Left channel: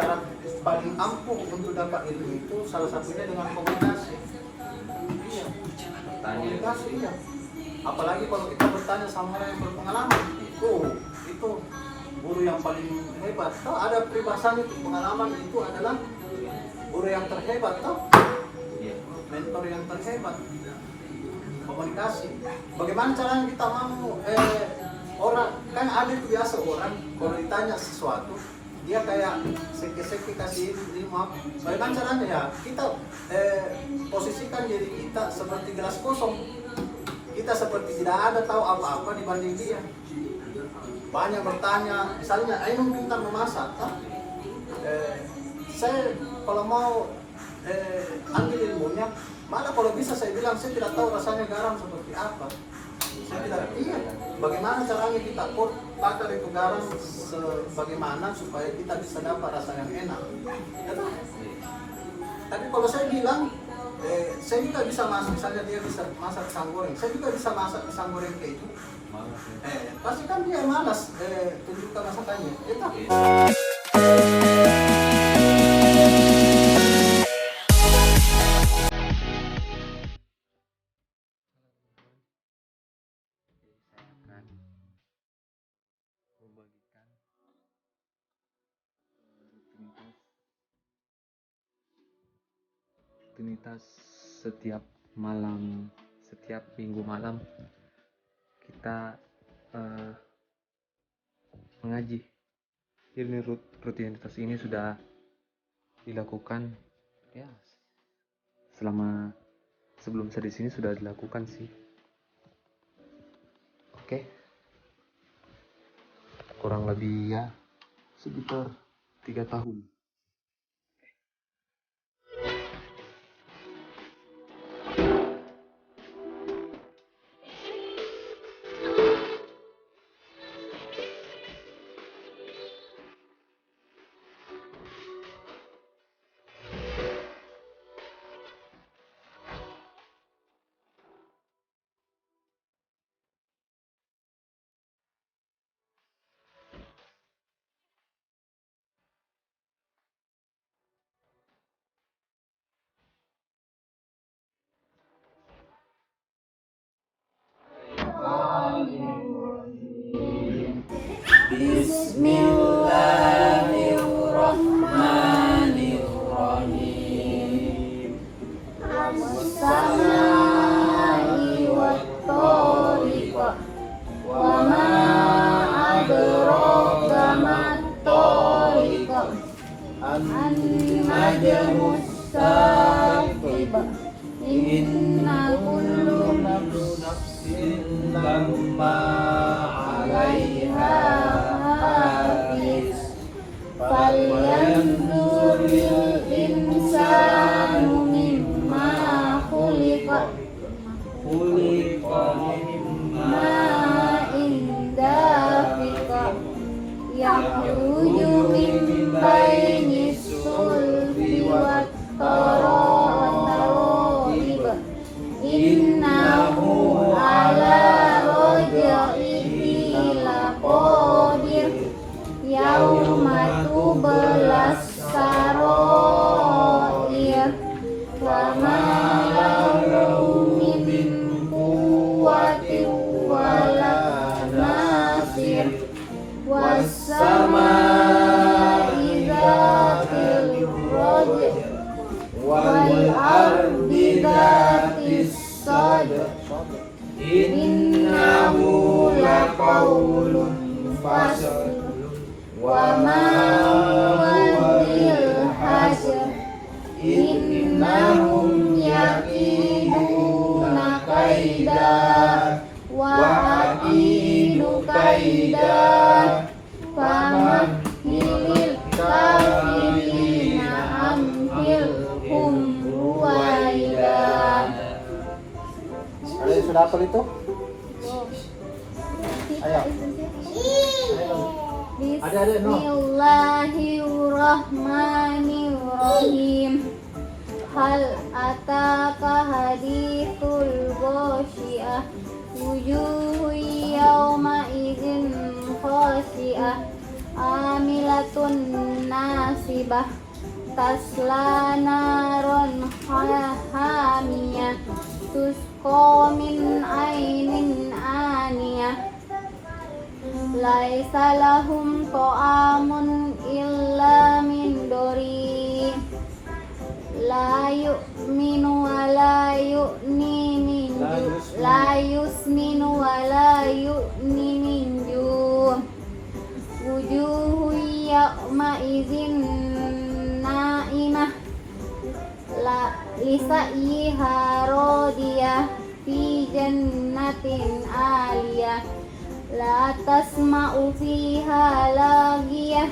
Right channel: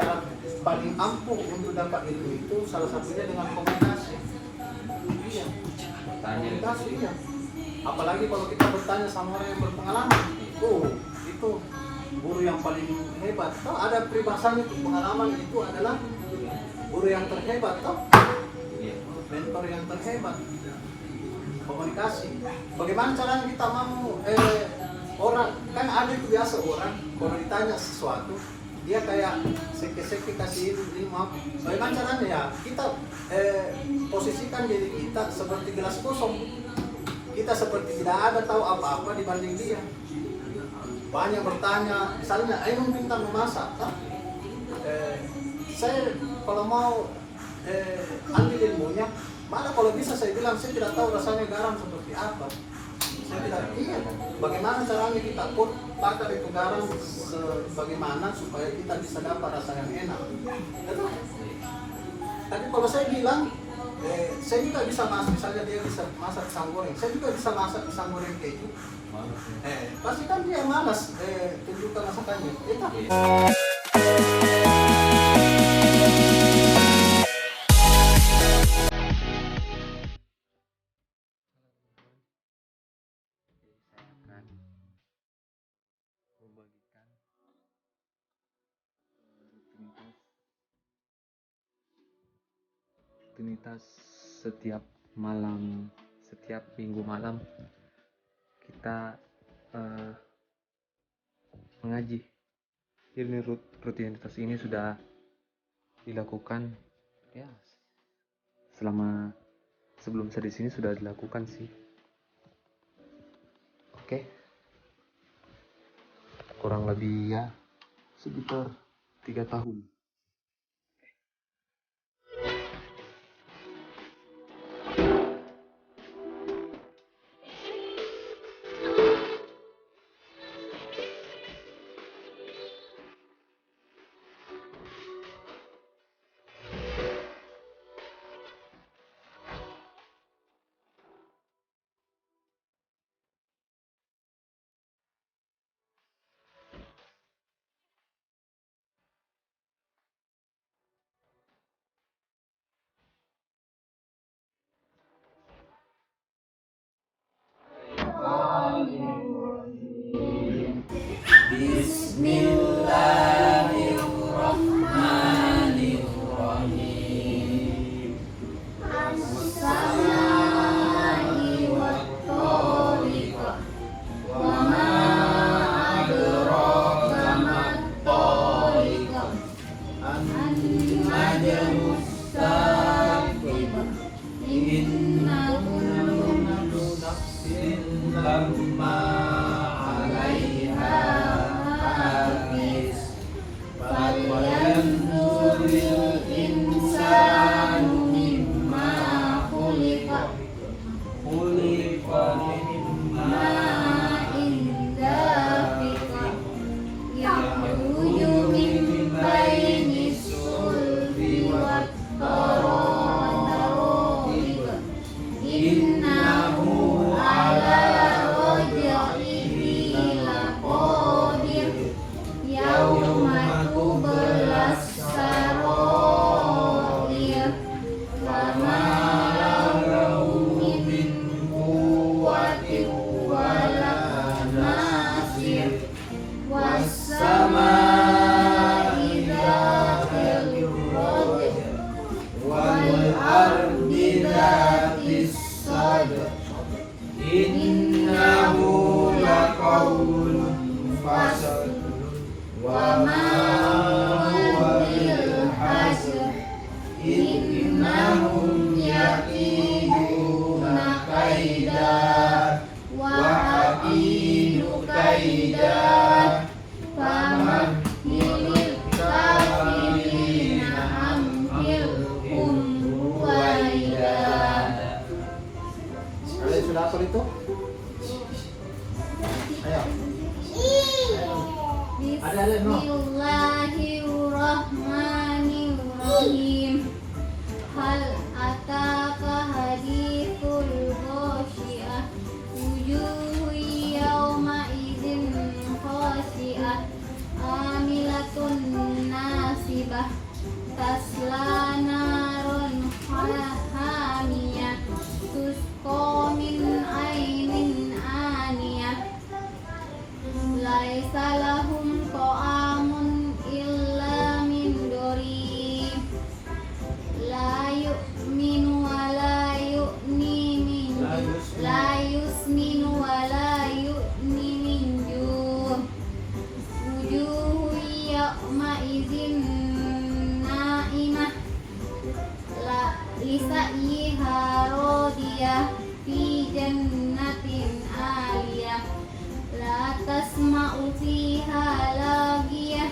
cara paling ampuh untuk dapat itu salah satunya dengan komunikasi. Iya, komunikasi ya. Apalagi kalau kita bertanya sama orang yang berpengalaman, itu guru yang paling hebat. Tahu ada peribahasanya itu, pengalaman itu adalah guru yang terhebat, tahu? Mentor yang terhebat. Komunikasi. Bagaimana caranya kita mau orang kan ada itu biasa orang kalau ditanya sesuatu dia kayak seke-seke kasih ini maaf. Bagaimana caranya ya kita posisikan diri kita seperti gelas kosong. Kita seperti tidak ada tahu apa-apa dibanding dia. Banyak bertanya, misalnya, ayo minta memasak. Saya kalau mau ambil ilmunya, malah kalau bisa saya bilang saya tidak tahu rasanya garam seperti apa. Saya tidak iya. Bagaimana caranya kita bakar itu garam bagaimana supaya kita bisa dapat rasa yang enak. Tapi kalau saya bilang saya juga bisa masak, misalnya dia bisa masak pisang goreng, saya juga bisa masak pisang goreng keju. Pasti kan dia malas tunjukkan masakannya, ya tak? Membagikan rutinitas setiap minggu malam kita mengaji. Ini rutinitas ini sudah dilakukan ya sebelum saya di sini sudah dilakukan sih. Oke. Kurang lebih ya sekitar 3 tahun. Bismillahirrahmanirrahim. As-samaa'i wat-thariq. Wa ma adraka mat-thariq. An-najmus saqib. Inna kullu nafsin lamma 'alaiha hafiz. Falyanzuril insanu mimma khuliqa. Khuliqa mimma dafiqa. Yakhruju min bainis sulbi wat-tara'ib. Innahu ala raj'ihi laqadir. Yauma tublas sarair. Fama lahu min quwwatin wala nasir. Was-samaa'i dzatil raj'i wal ardi dzatis sadr. Innahu laqawlun fasl. Wa ma huwa bil hazr. Innahum yakiduna kaida wa akidu kaida. Famahilil kafirina amhilhum ruwaida. Sudah hafal itu? Ayo. Bismillahirrahmanirrahim. Hal ataka hadithul ghasyiah. Wujuhu yawma idzin khasyiah. Amilatun nasibah. كاذبة تصلى نارا حامية تسقى من عين آنية ليس لهم طعام إلا من ضريع لا يؤمن ولا يؤني من لا يسمن ولا يؤني من جوع وجوه يومئذ ناعمة لسعيها راضية في جنة عالية لا تسمع فيها لاغية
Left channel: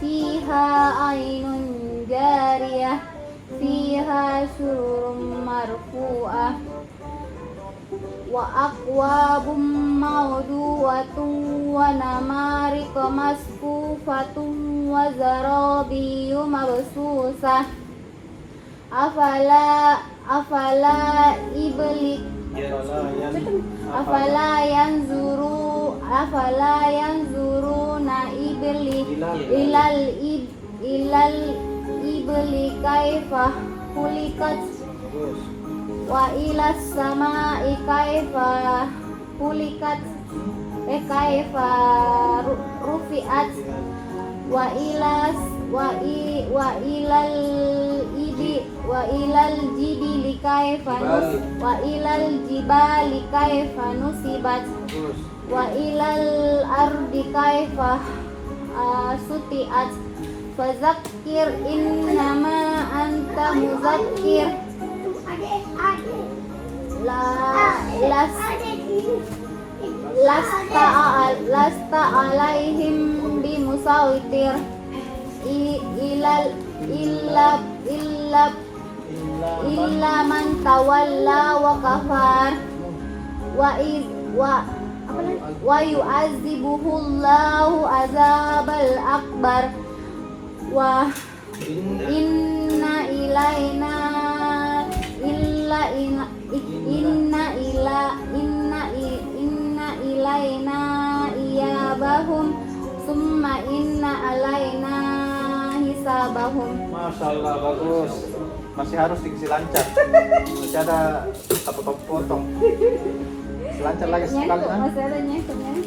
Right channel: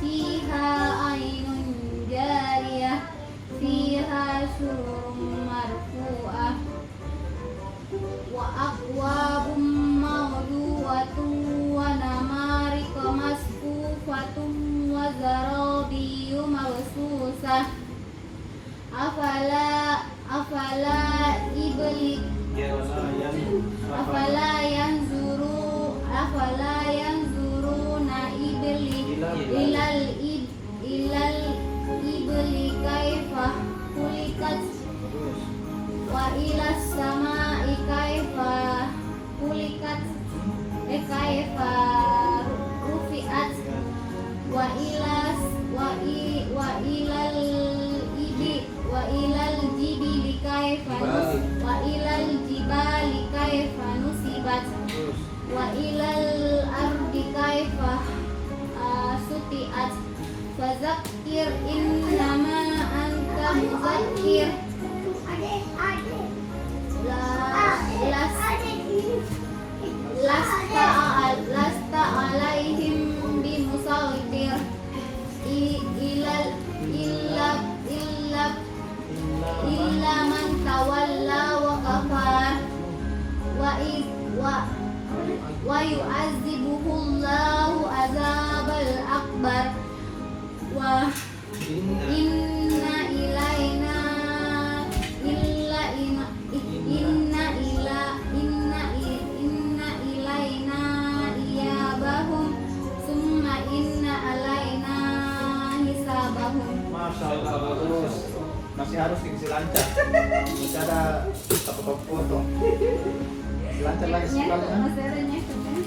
فيها عين جارية فيها سرر مرفوعة وأكواب موضوعة ونمارق مصفوفة وزرابي مبثوثة أفلا ينظرون إلى الإبل كيف خلقت وإلى السماء كيف خلقت كيف رفعت وإلى الجبال كيف نصبت وإلى الأرض كيف سطحت فذكر إنما أنت مذكر لست عليهم بمسيطر إلا من تولى وكفر ويعذبه الله عذاب الأكبر وإن إلينا إيابهم ثم إن علينا hisabahum. Masya Allah, bagus. Masih harus diisi lancar. Masih ada apa potong. Lancar lagi sekali. Masih ada nyesnya.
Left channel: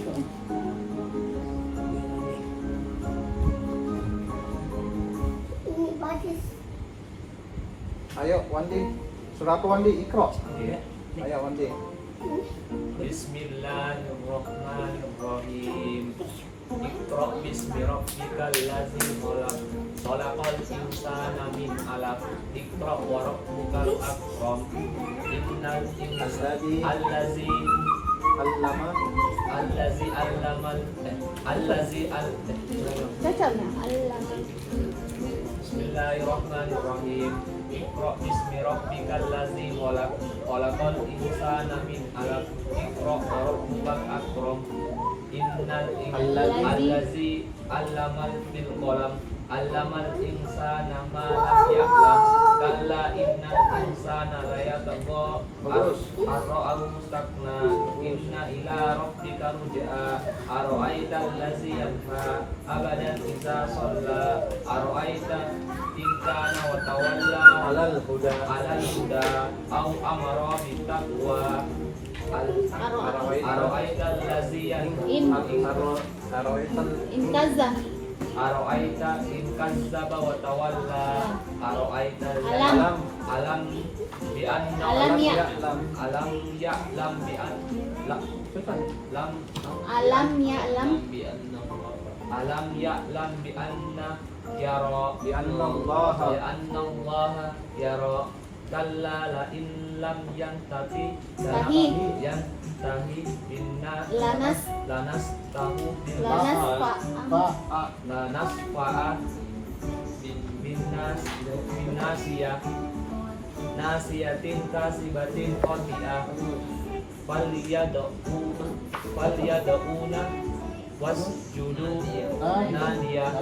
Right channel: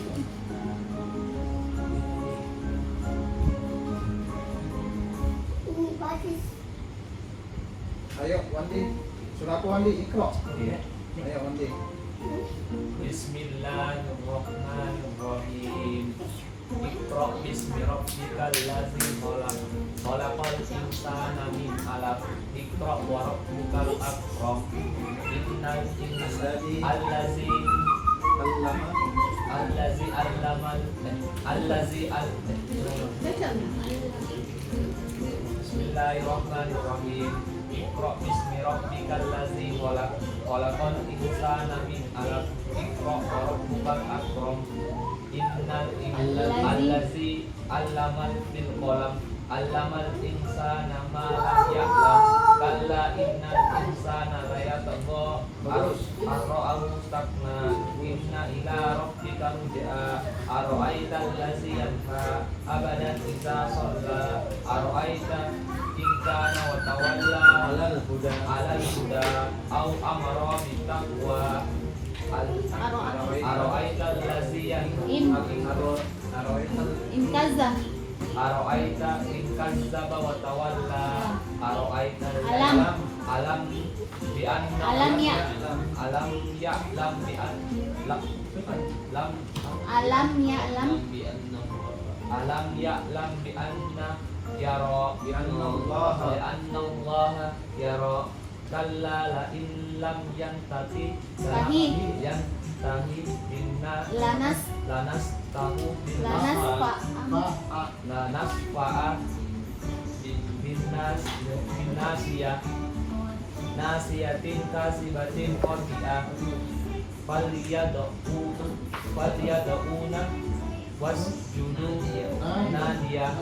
Ayo Wandi, surat Wandi Iqra. Iya. Ayo Wandi. Bismillahirrahmanirrahim. Iqra bismi rabbikal ladzi khalaq. Khalaqal insana min 'alaq. Iqra wa rabbukal akram. Innal insana allazi Bismillahirrahmanirrahim. Iqra bismi rabbikal ladzi khalaq. Khalaqal insana min 'alaq. Iqra wa rabbukal akram. Innal allazi 'allamal bil qalam. 'Allamal insana ma lam ya'lam. Kalla innal insana la yatagha ar-ra'ahu istaghna. Inna ila rabbika ruj'a. Ara'aita allazi yanha abadan idza shalla. Ara'aita in kana wa tawalla alal huda au amara bit taqwa. Ara'aita allazi Inkaza. Ara'aita in kazzaba wa tawalla. Ara'aita alam bi anna Alam ya'lam bi anna Alam ya'lam alam ya'lam bi anna yara Bi anna Allah yara. Kalla la in lam yantahi lanas fa'a bin nasiyatin kasibatin qati'ah. Falyad'una wasjudu nadiyah.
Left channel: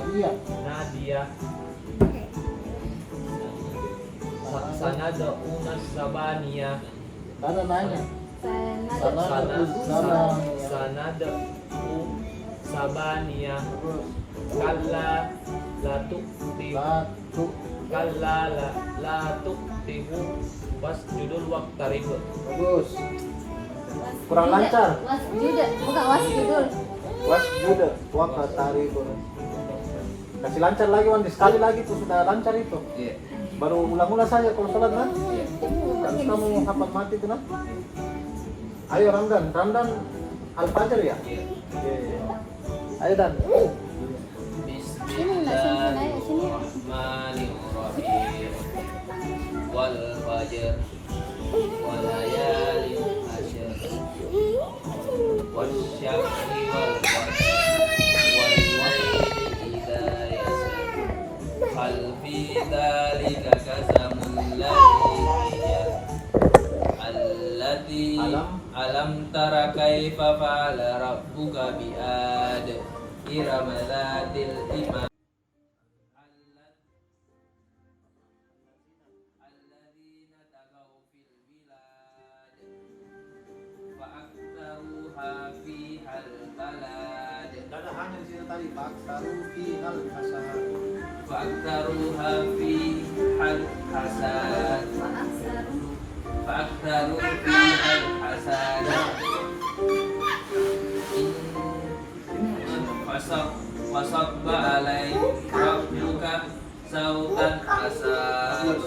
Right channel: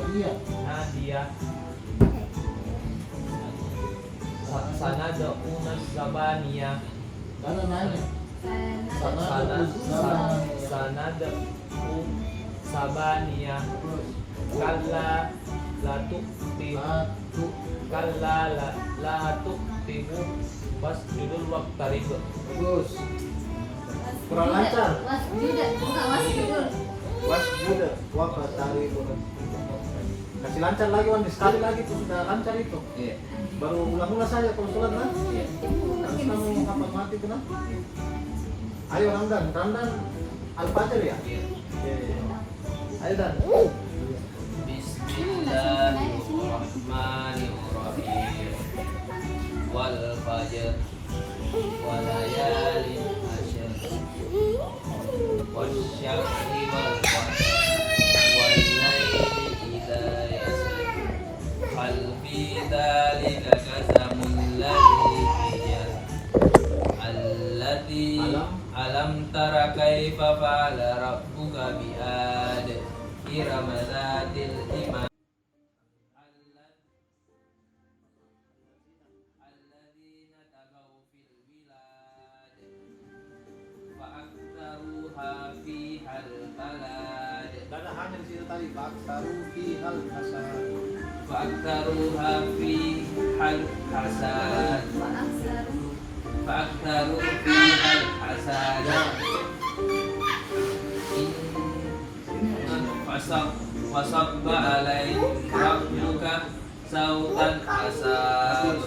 Sanad'una zabaniyah. Sanad'u sabaniyah. Kalla Latuk timu Satu. Kalala latuk timu wasjudul waqtarib. Bagus. Kurang lancar. Wasjuda, bukan wasjudul. Wasjuda waqtarib. Kasih lancar lagi Wan, sekali lagi tuh sudah lancar itu. Iya. Baru ulang-ulang saja kalau sholat kan. Iya. Harus kamu hafal mati tuh kan. Ayo Ramdan, Ramdan Al-Fajr ya? Iya. Ayo Dan. Bismillahirrahmanirrahim. Wal fajr wal layalin ashr wasyamsi wal qamar wal laili idza yasr hal fi dzalika qasamul ladzi allati alam tara kaifa fa'ala rabbuka bi ad iram dzatil imam alladzina tagaw fil bilad fa'aktaruha fihal balad Ada hanya di situ tadi Pak Taruki hal hasad. fa'aktaruha fihal hasad فأكثروا فيها الحساد فصب عليهم ربك صوتا حساد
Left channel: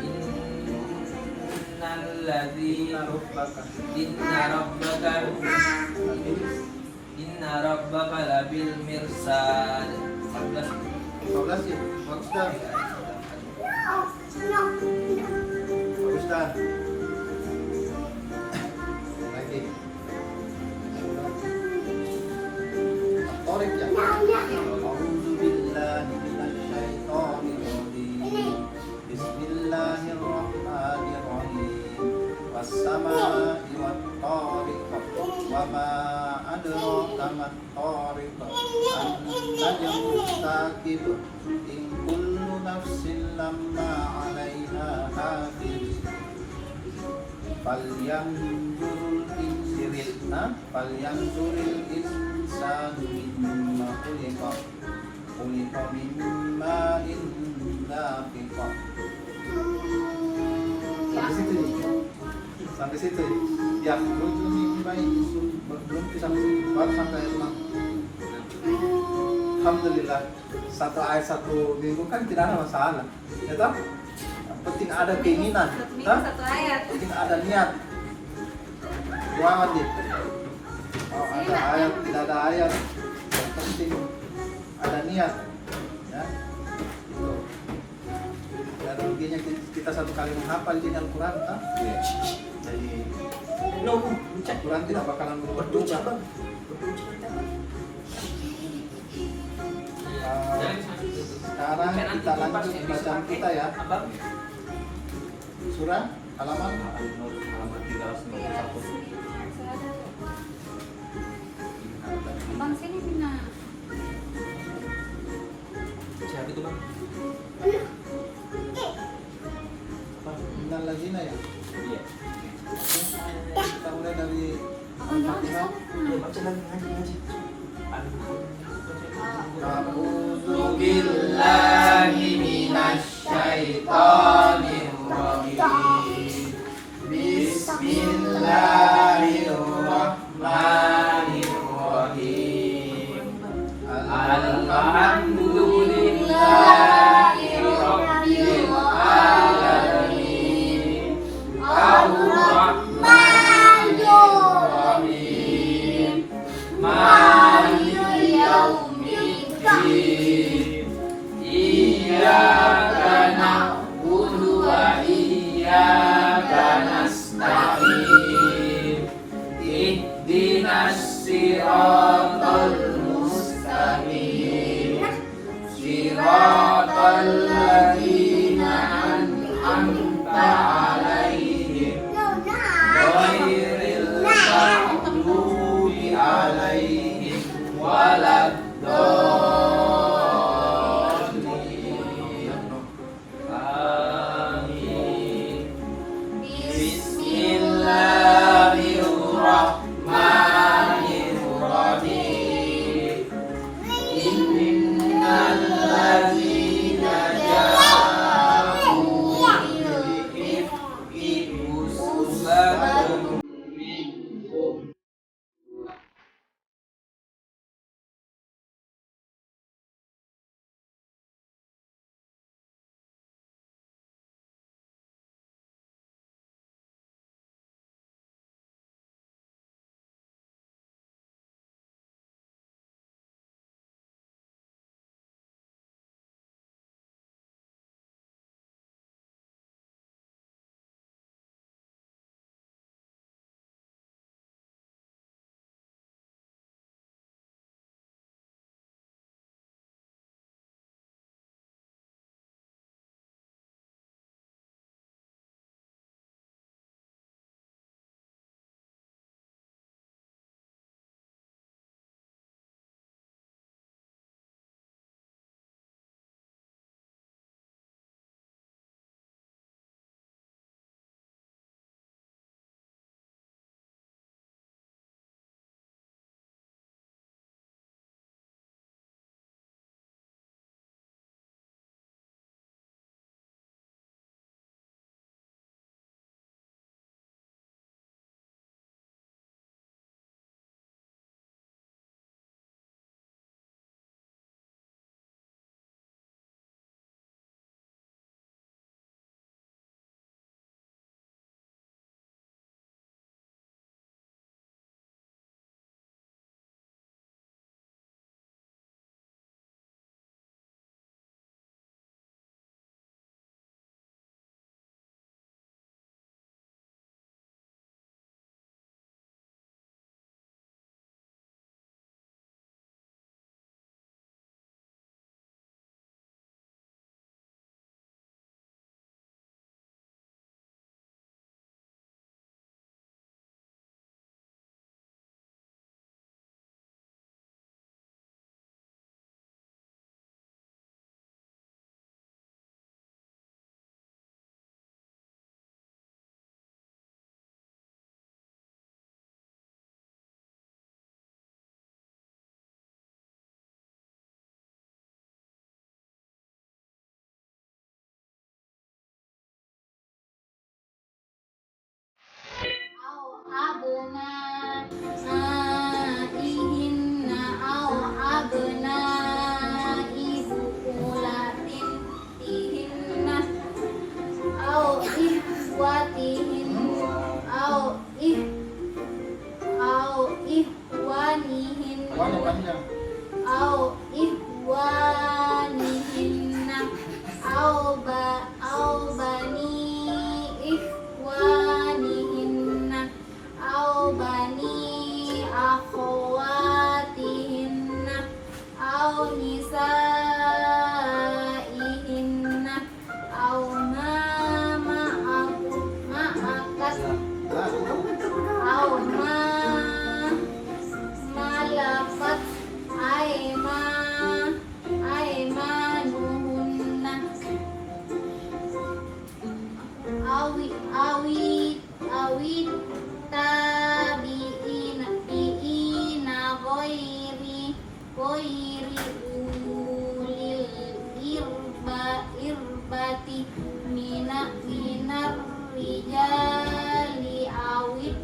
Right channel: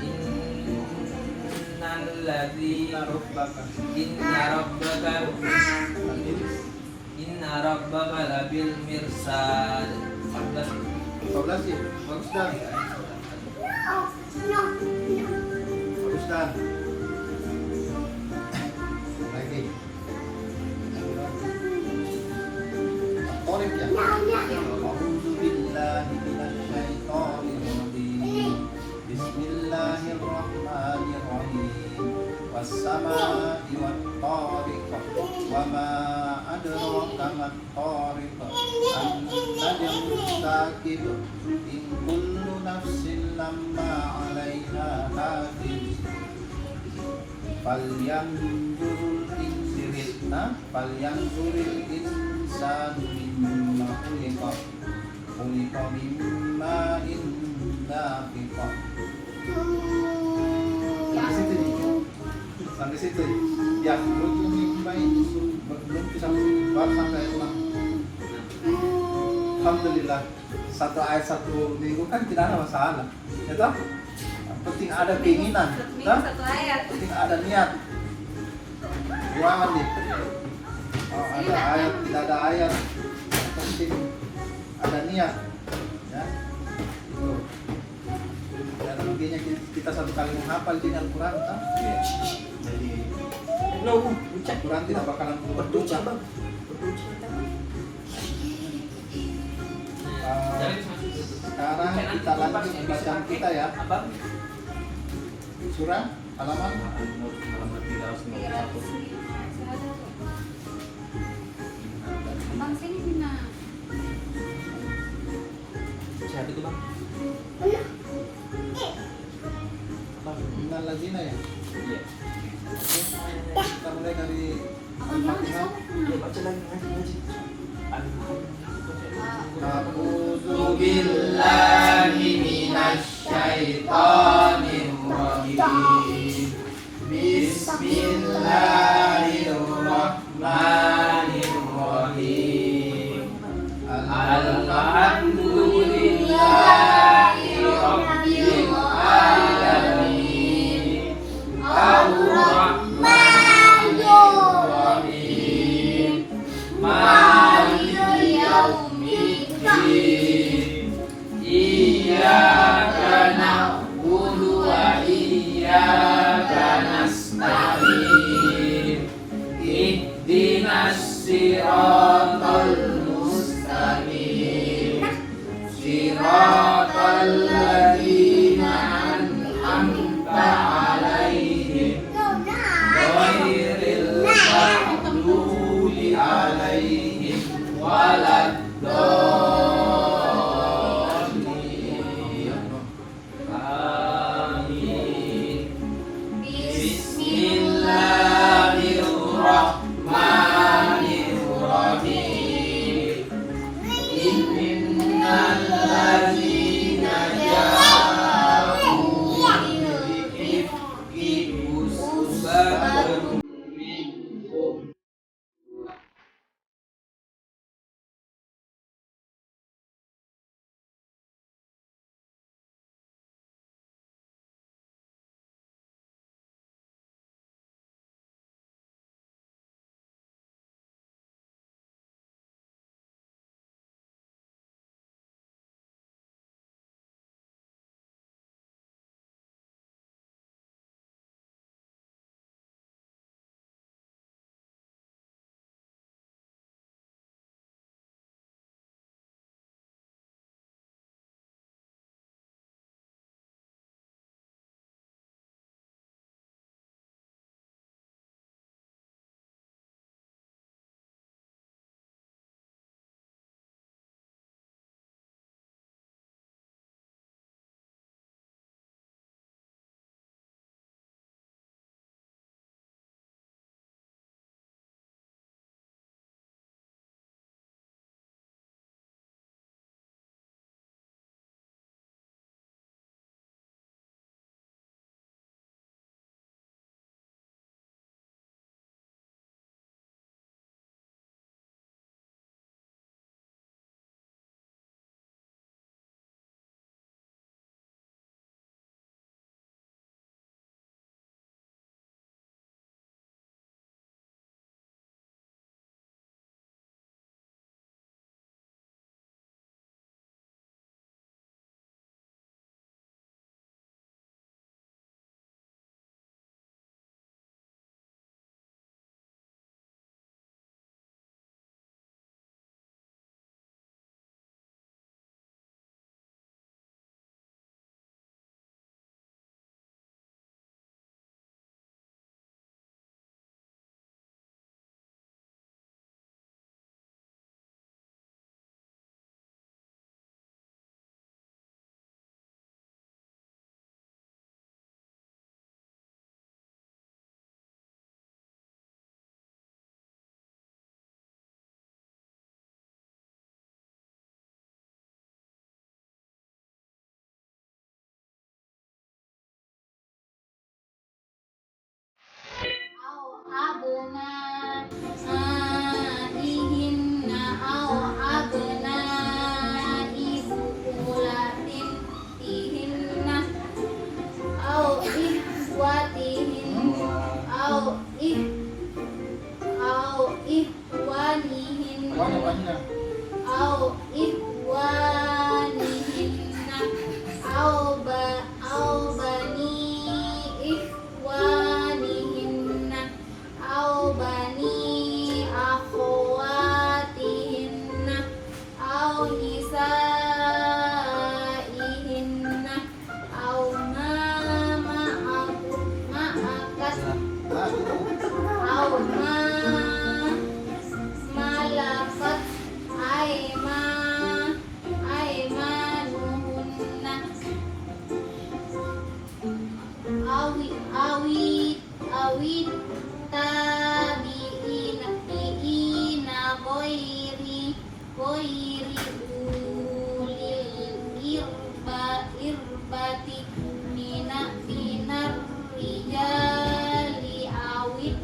إن الذين إن ربك لبالمرصاد 12 sih. Bagus Dan. Bagus Dan. Lagi. Torik ya. A'udzu billahi minasy syaithanir rajim. Bismillahirrahmanirrahim. Was-samaa'i wat-tariq. Wa ma adraka mat-tariq. An-najmu saqib. In kullu nafsin lamma 'alaiha hafiz. Falyanzuril insanu mimma khuliqa. Khuliqa mimma dafiqa. Sampai situ nih. Sampai situ nih. Yang lucu mimma itu belum bisa baru sampai ayat 6. Alhamdulillah, satu ayat satu minggu kan tidak ada masalah, ya toh? Yang penting ada keinginan, toh? Penting ada niat. Buangan nih. Oh, ada ayat, tidak ada ayat, yang penting ada niat, ya. Tuh. Dan ruginya kita satu kali menghafal di Al-Quran, toh? Jadi, Al-Quran tidak bakalan berubah juga. Sekarang kita lanjut bacaan kita ya. Surah halaman 391. Bang sini Bina. Siapa itu bang? Apa? Innal ladzina ya. Iya. Oke, kita mulai dari Al-Fatihah. Baca lagi ngaji. A'udzu billahi minasy syaithanir rajim. Bismillahirrahmanirrahim. Alhamdulillahi rabbil alamin. Ar-Rahmanir-Rahim. Maliki yaumiddin. Iyyaka na'budu wa iyyaka nasta'in. Ihdinas siratal mustaqim. Siratal ladzina an'amta 'alaihim ghairil maghdubi 'alaihim waladdallin. Amin. Bismillahirrahmanirrahim. Innal awit tabi'ina ghairi ulil irbati minar rijali awit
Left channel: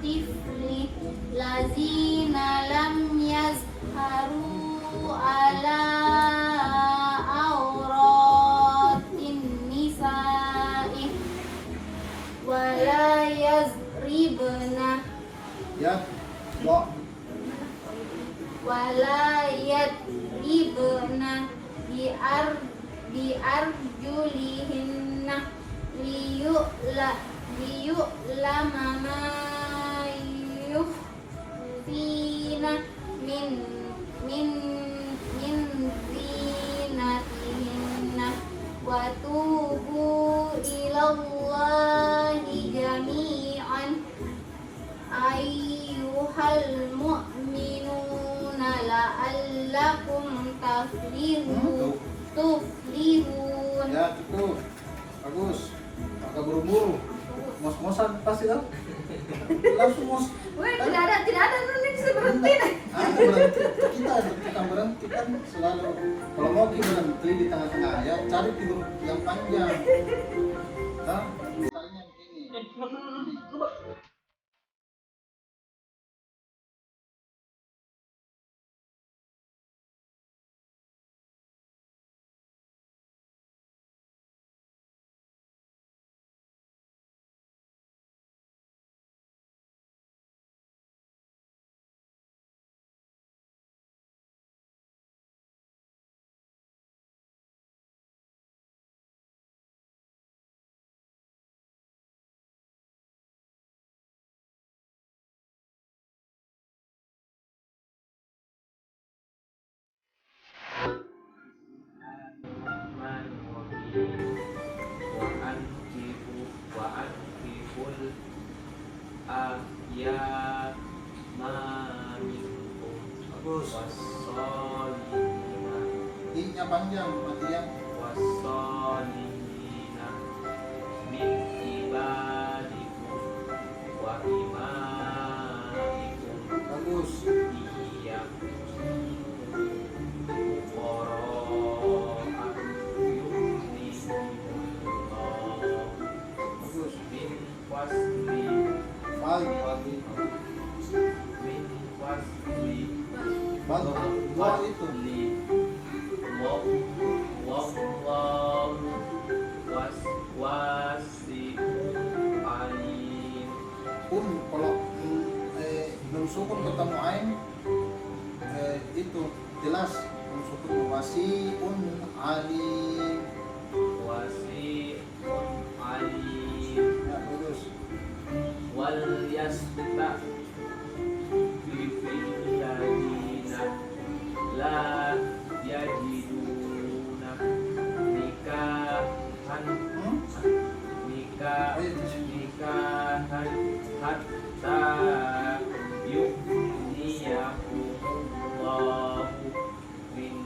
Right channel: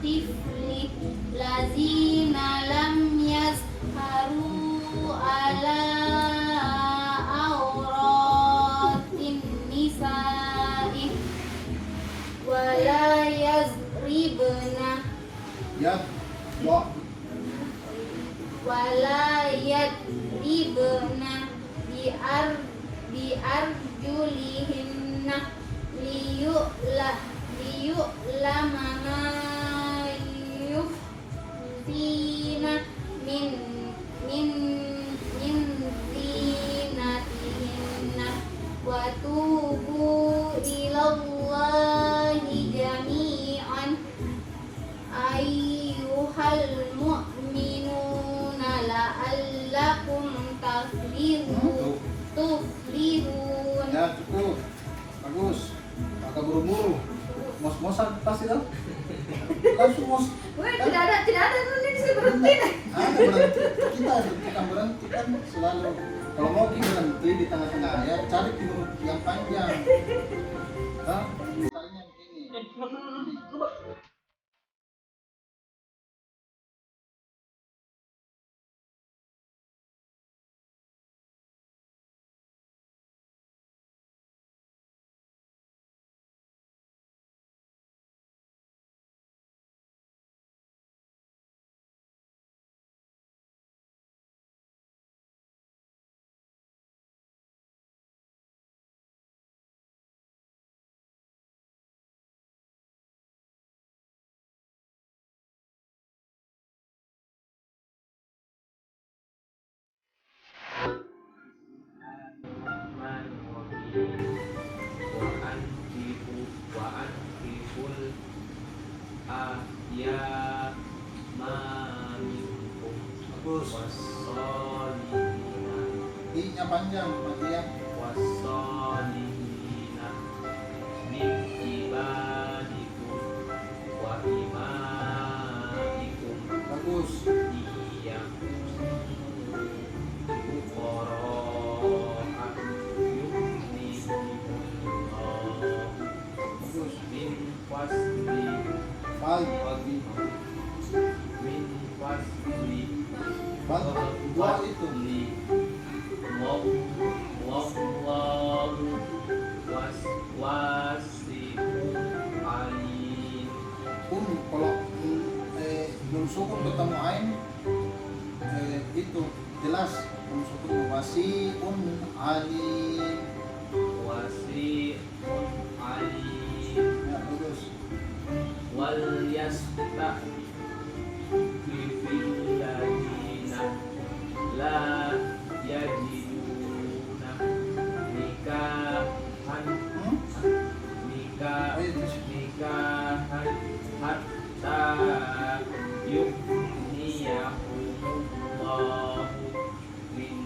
tifli lazina lam yazharu ala auratin nisa'i wala yazribna Ya, Mbak. wala yadribna biarjulihinna liyu'lama ma yukhfina min zinatihinna wa tubu ilallahi jami'an ayyuhal mu'minuna la'allakum tuflihun. Ya, cukup. Bagus. Agak buru-buru. Mos-mosan pasti kan? Langsung mos. Weh, tidak ada nanti saya berhenti deh. Ada berhenti. Kita bukan berhenti kan selalu. Kalau mau kita berhenti di tengah-tengah ya cari keyboard yang panjang. Hah? Misalnya begini. Bagus. I-nya panjang, panjang. Bagus. Bagus. Dua itu. Kalau belum sukun ketemu ain itu jelas belum sukun wasiun alim. Ya, bagus. Wal yasta la yajiduna nikahan hatta yughniyahumullahu min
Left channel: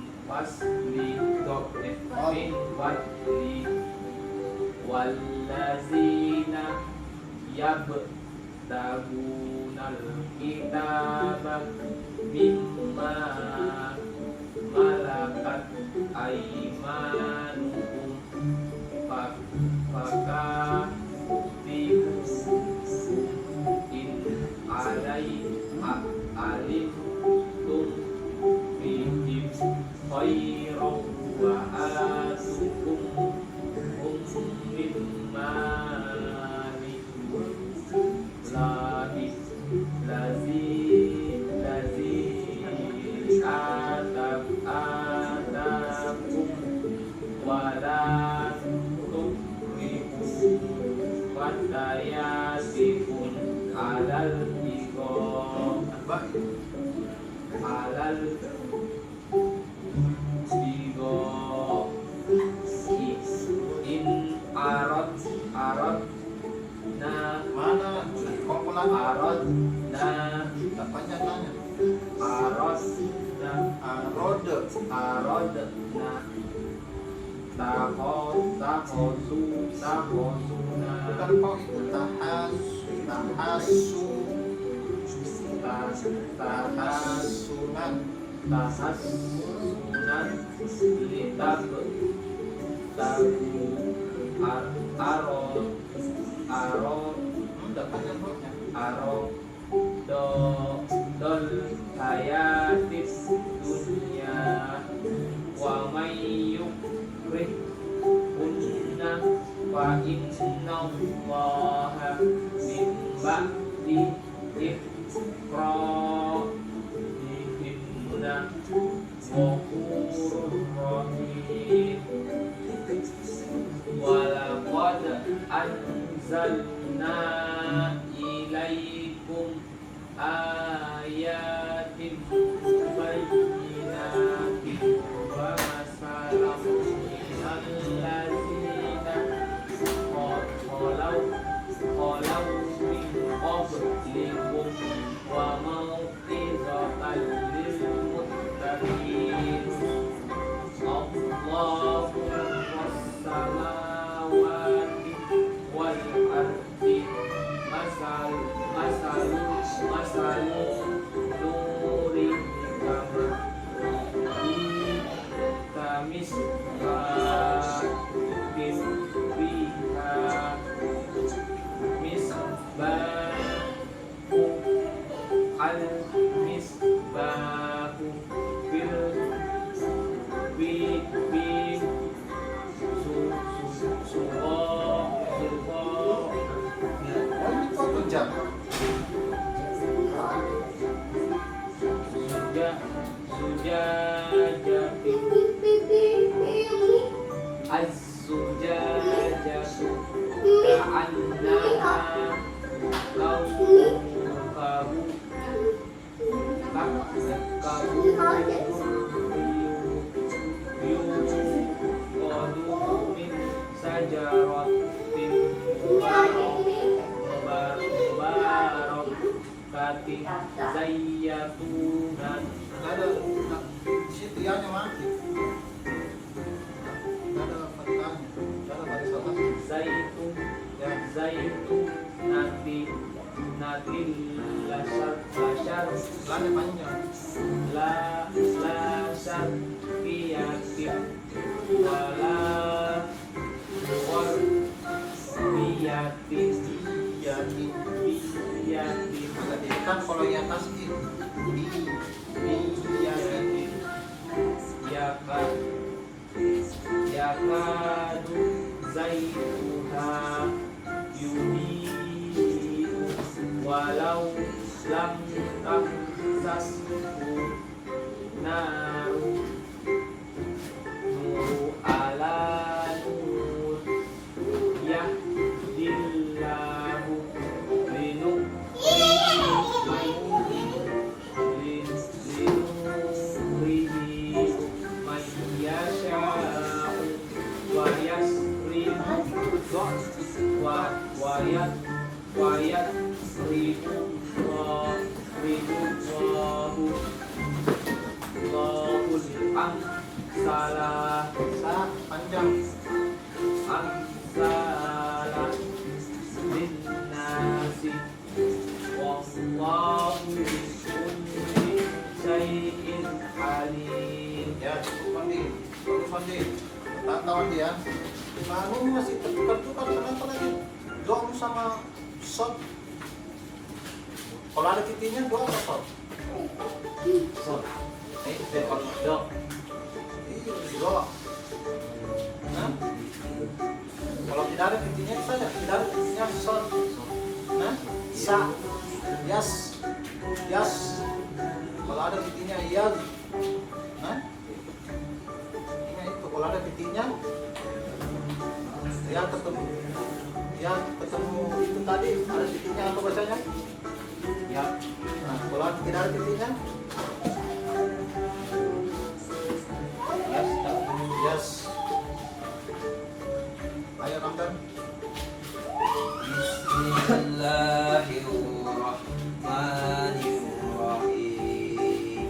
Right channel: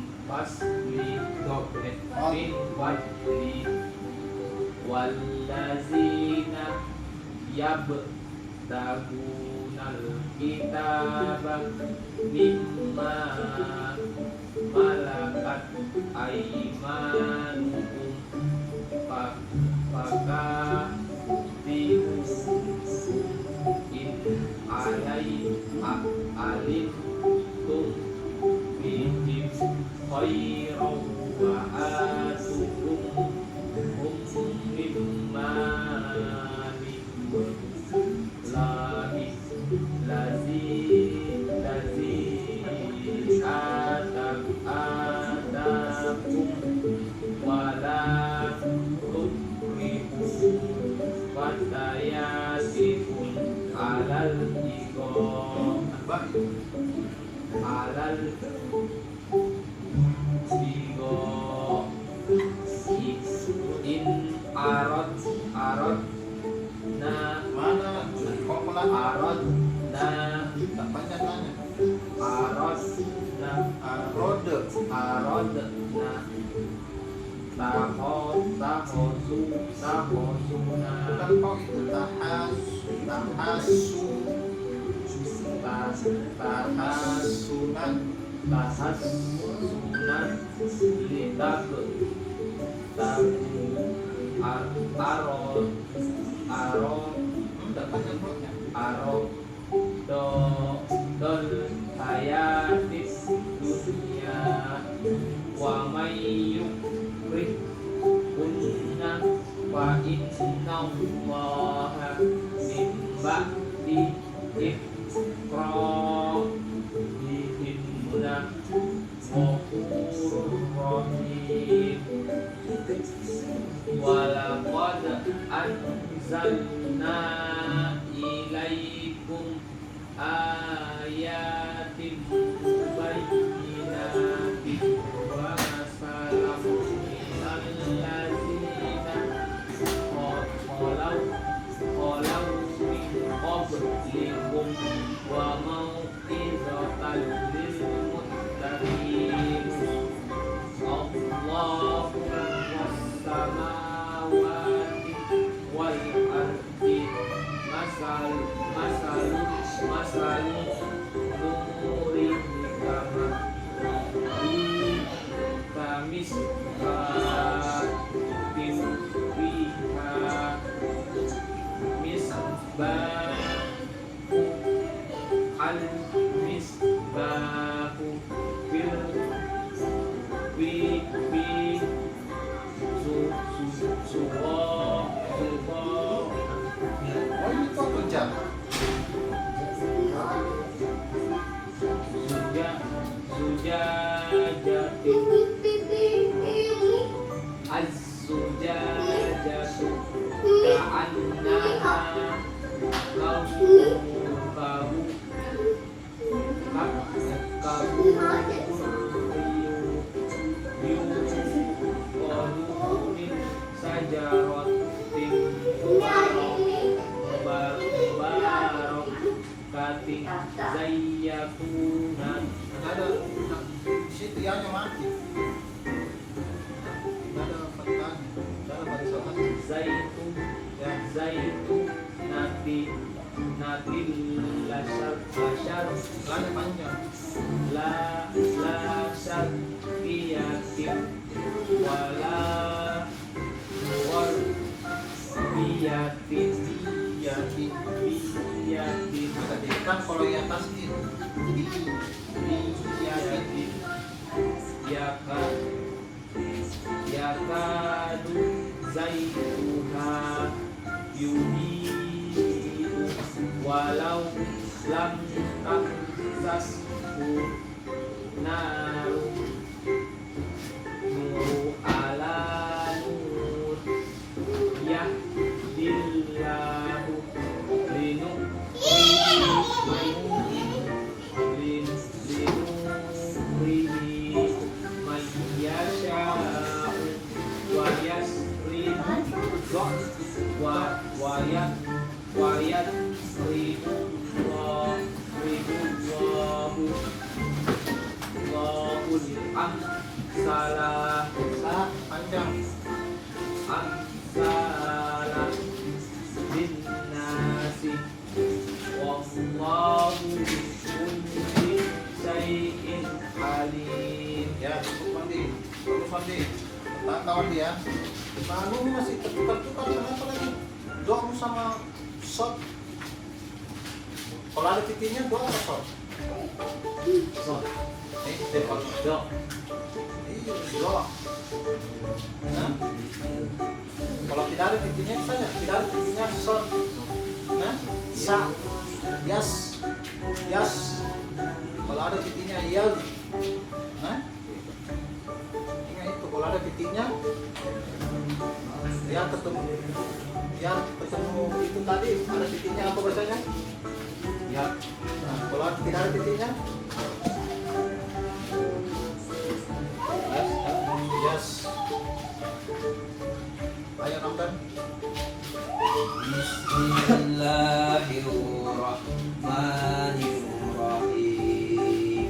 fadli wallazina yabtagunal kitaba mimma malakat aymanuhum fakatibuhum in alimtum bihim khairan wa atuhum mimma tahosuna, bukan kau itu tahasu tahasunan tahassunan, litak dapat yang hurufnya don hayatis dunya wa may yukrik kunna fa inna allaha min ba'di ikrahihimna ghafurur rahim. Walaqad anzalna ilaikum ayatin bayyinatin wa masalam minal ladzina qalau min qablikum wa mau'izatan lil muttaqin. Allahu was-samawati wal ardi masal nuri kamis bin fiha misbahu al misbahu fil oh itu apa jam Az-zujajatu ka'annaha kawkabu yuqadu min sajaratin mubarakatin zayyatunan. ada situ yang mati ada pertanyaan ada barisan Zaitun nabi lasar lagi panjang lasar biyatin wala war biyatin kan kalau yang atas itu biyatin yakadu zaituha yudhi'u walau lam tamsashu naru nuru ala nur yahdillahu linurihi man yasha'u wa salah panjang salah bin nasi wallahu kulli syai'in alim. ya cukup mandi tahu dia nah lu masih tertukar kenapa lagi doa sama shot kalau ada titiknya doa apa shot depan Do doa nah kalau tidak ada titiknya saja tidak ada titiknya shot nah sa yas kalau ada titiknya iya nah itu kalau ada titiknya yang ketemu itu tadi ada titiknya apa bacanya ya nah kalau tidak ada titiknya yes ayo Ramdan Bismillahirrahmanirrahim.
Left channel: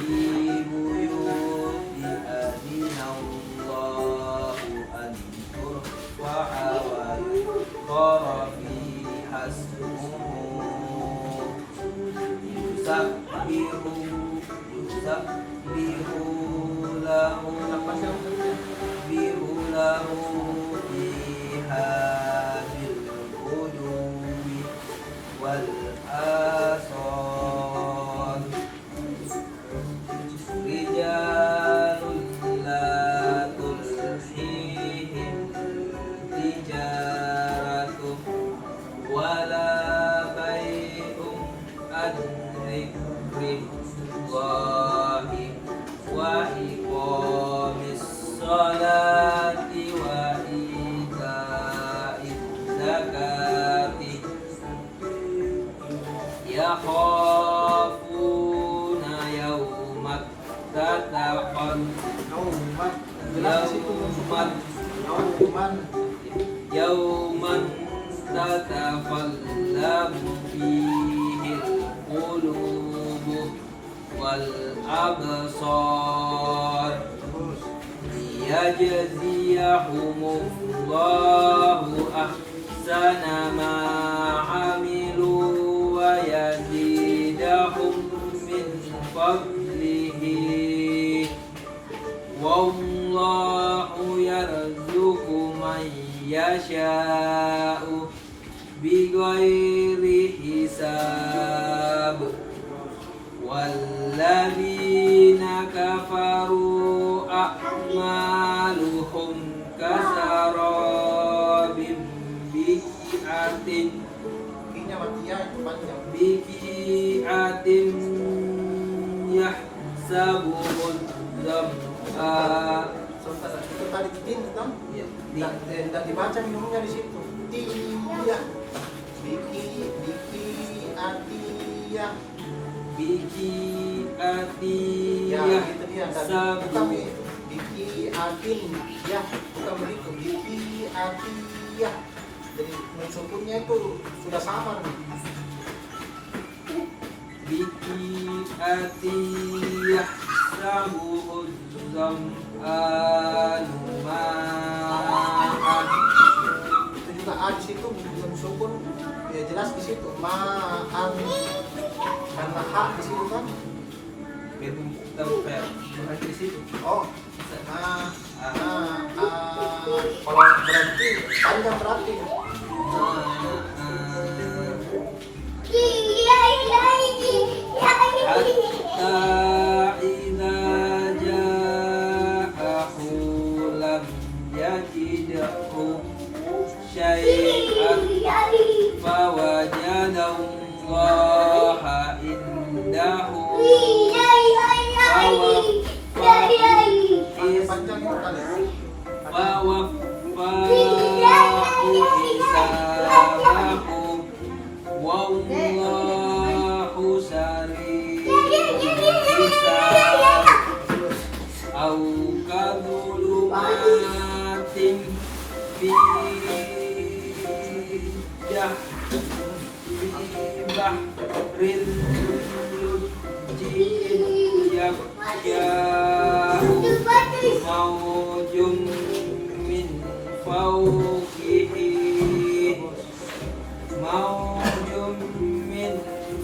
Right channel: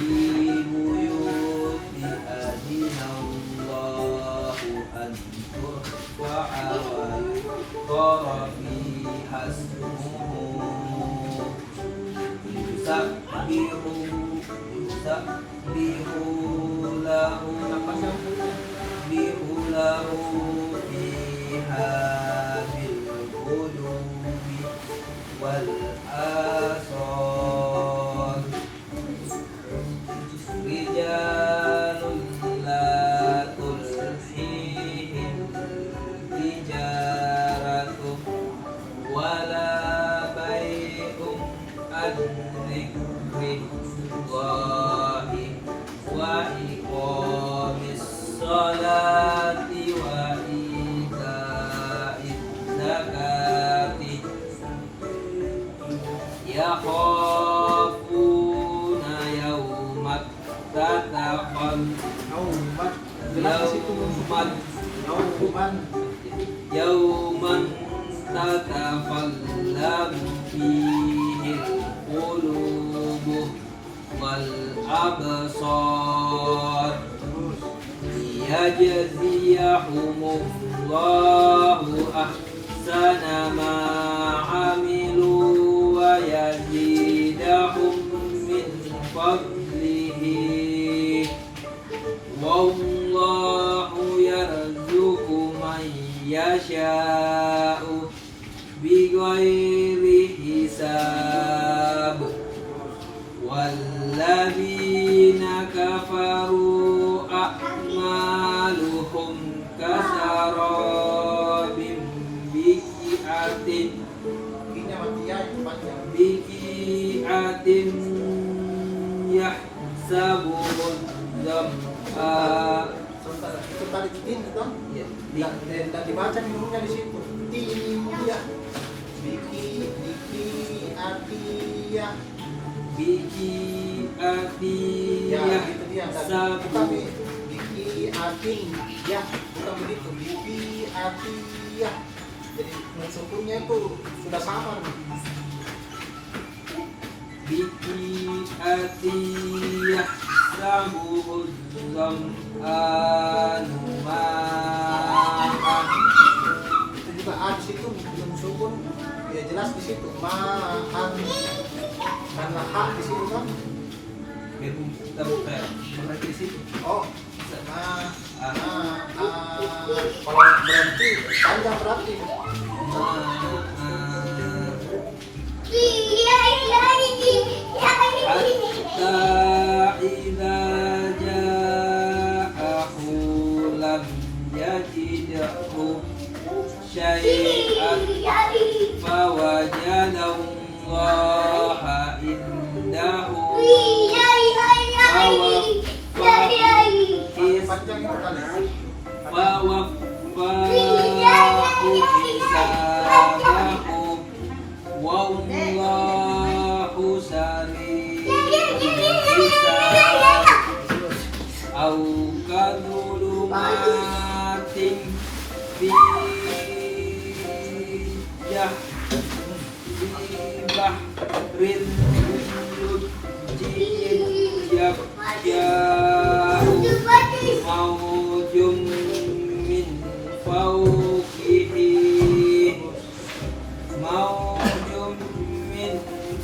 Ibu yuti adinallah ترفع ويذكر فيها اسمه يسبح له فيها بالغدو والآصال رجال لا تلهيهم تجارة ولا بيع عن ذكر الله وإقام الصلاة وإيتاء الزكاة يخافون يوما تتقلب Nauman. Jelas di situ يوما Nauman. يوما تتقلب فيه القلوب والأبصار ليجزيهم الله أحسن ما عملوا ويزيدهم من فضله والله يرزق من يشاء بغير حساب والذين كفروا أعمالهم كسراب بقيعة Ini mati ya panjang. بقيعة يحسبه الظمآن Sebentar, itu tadi tin dong. Dan dibaca minumnya di situ. Tiya. Biki atiyah. بقيعة Ya, itu dia. يحسبه Bukan biki atin. Ya, bukan begitu. Biki atiyah. Jadi sukunnya itu sudah samar nih. بقيعة يحسبه الظمآن ماء Itu juga a di situ belum sukun. Ya jelas di situ. Ma'an. Karena hak di situ kan. Biarpun kita bukan berarti di situ. Oh, kalau berhenti panjang berarti. حتى إذا جاءه لم يجده شيئا فوجد الله عنده Panjang itu kali. فوفاه حسابه والله سريع الحساب أو كظلمات في بحر اللجي يغشاه موج من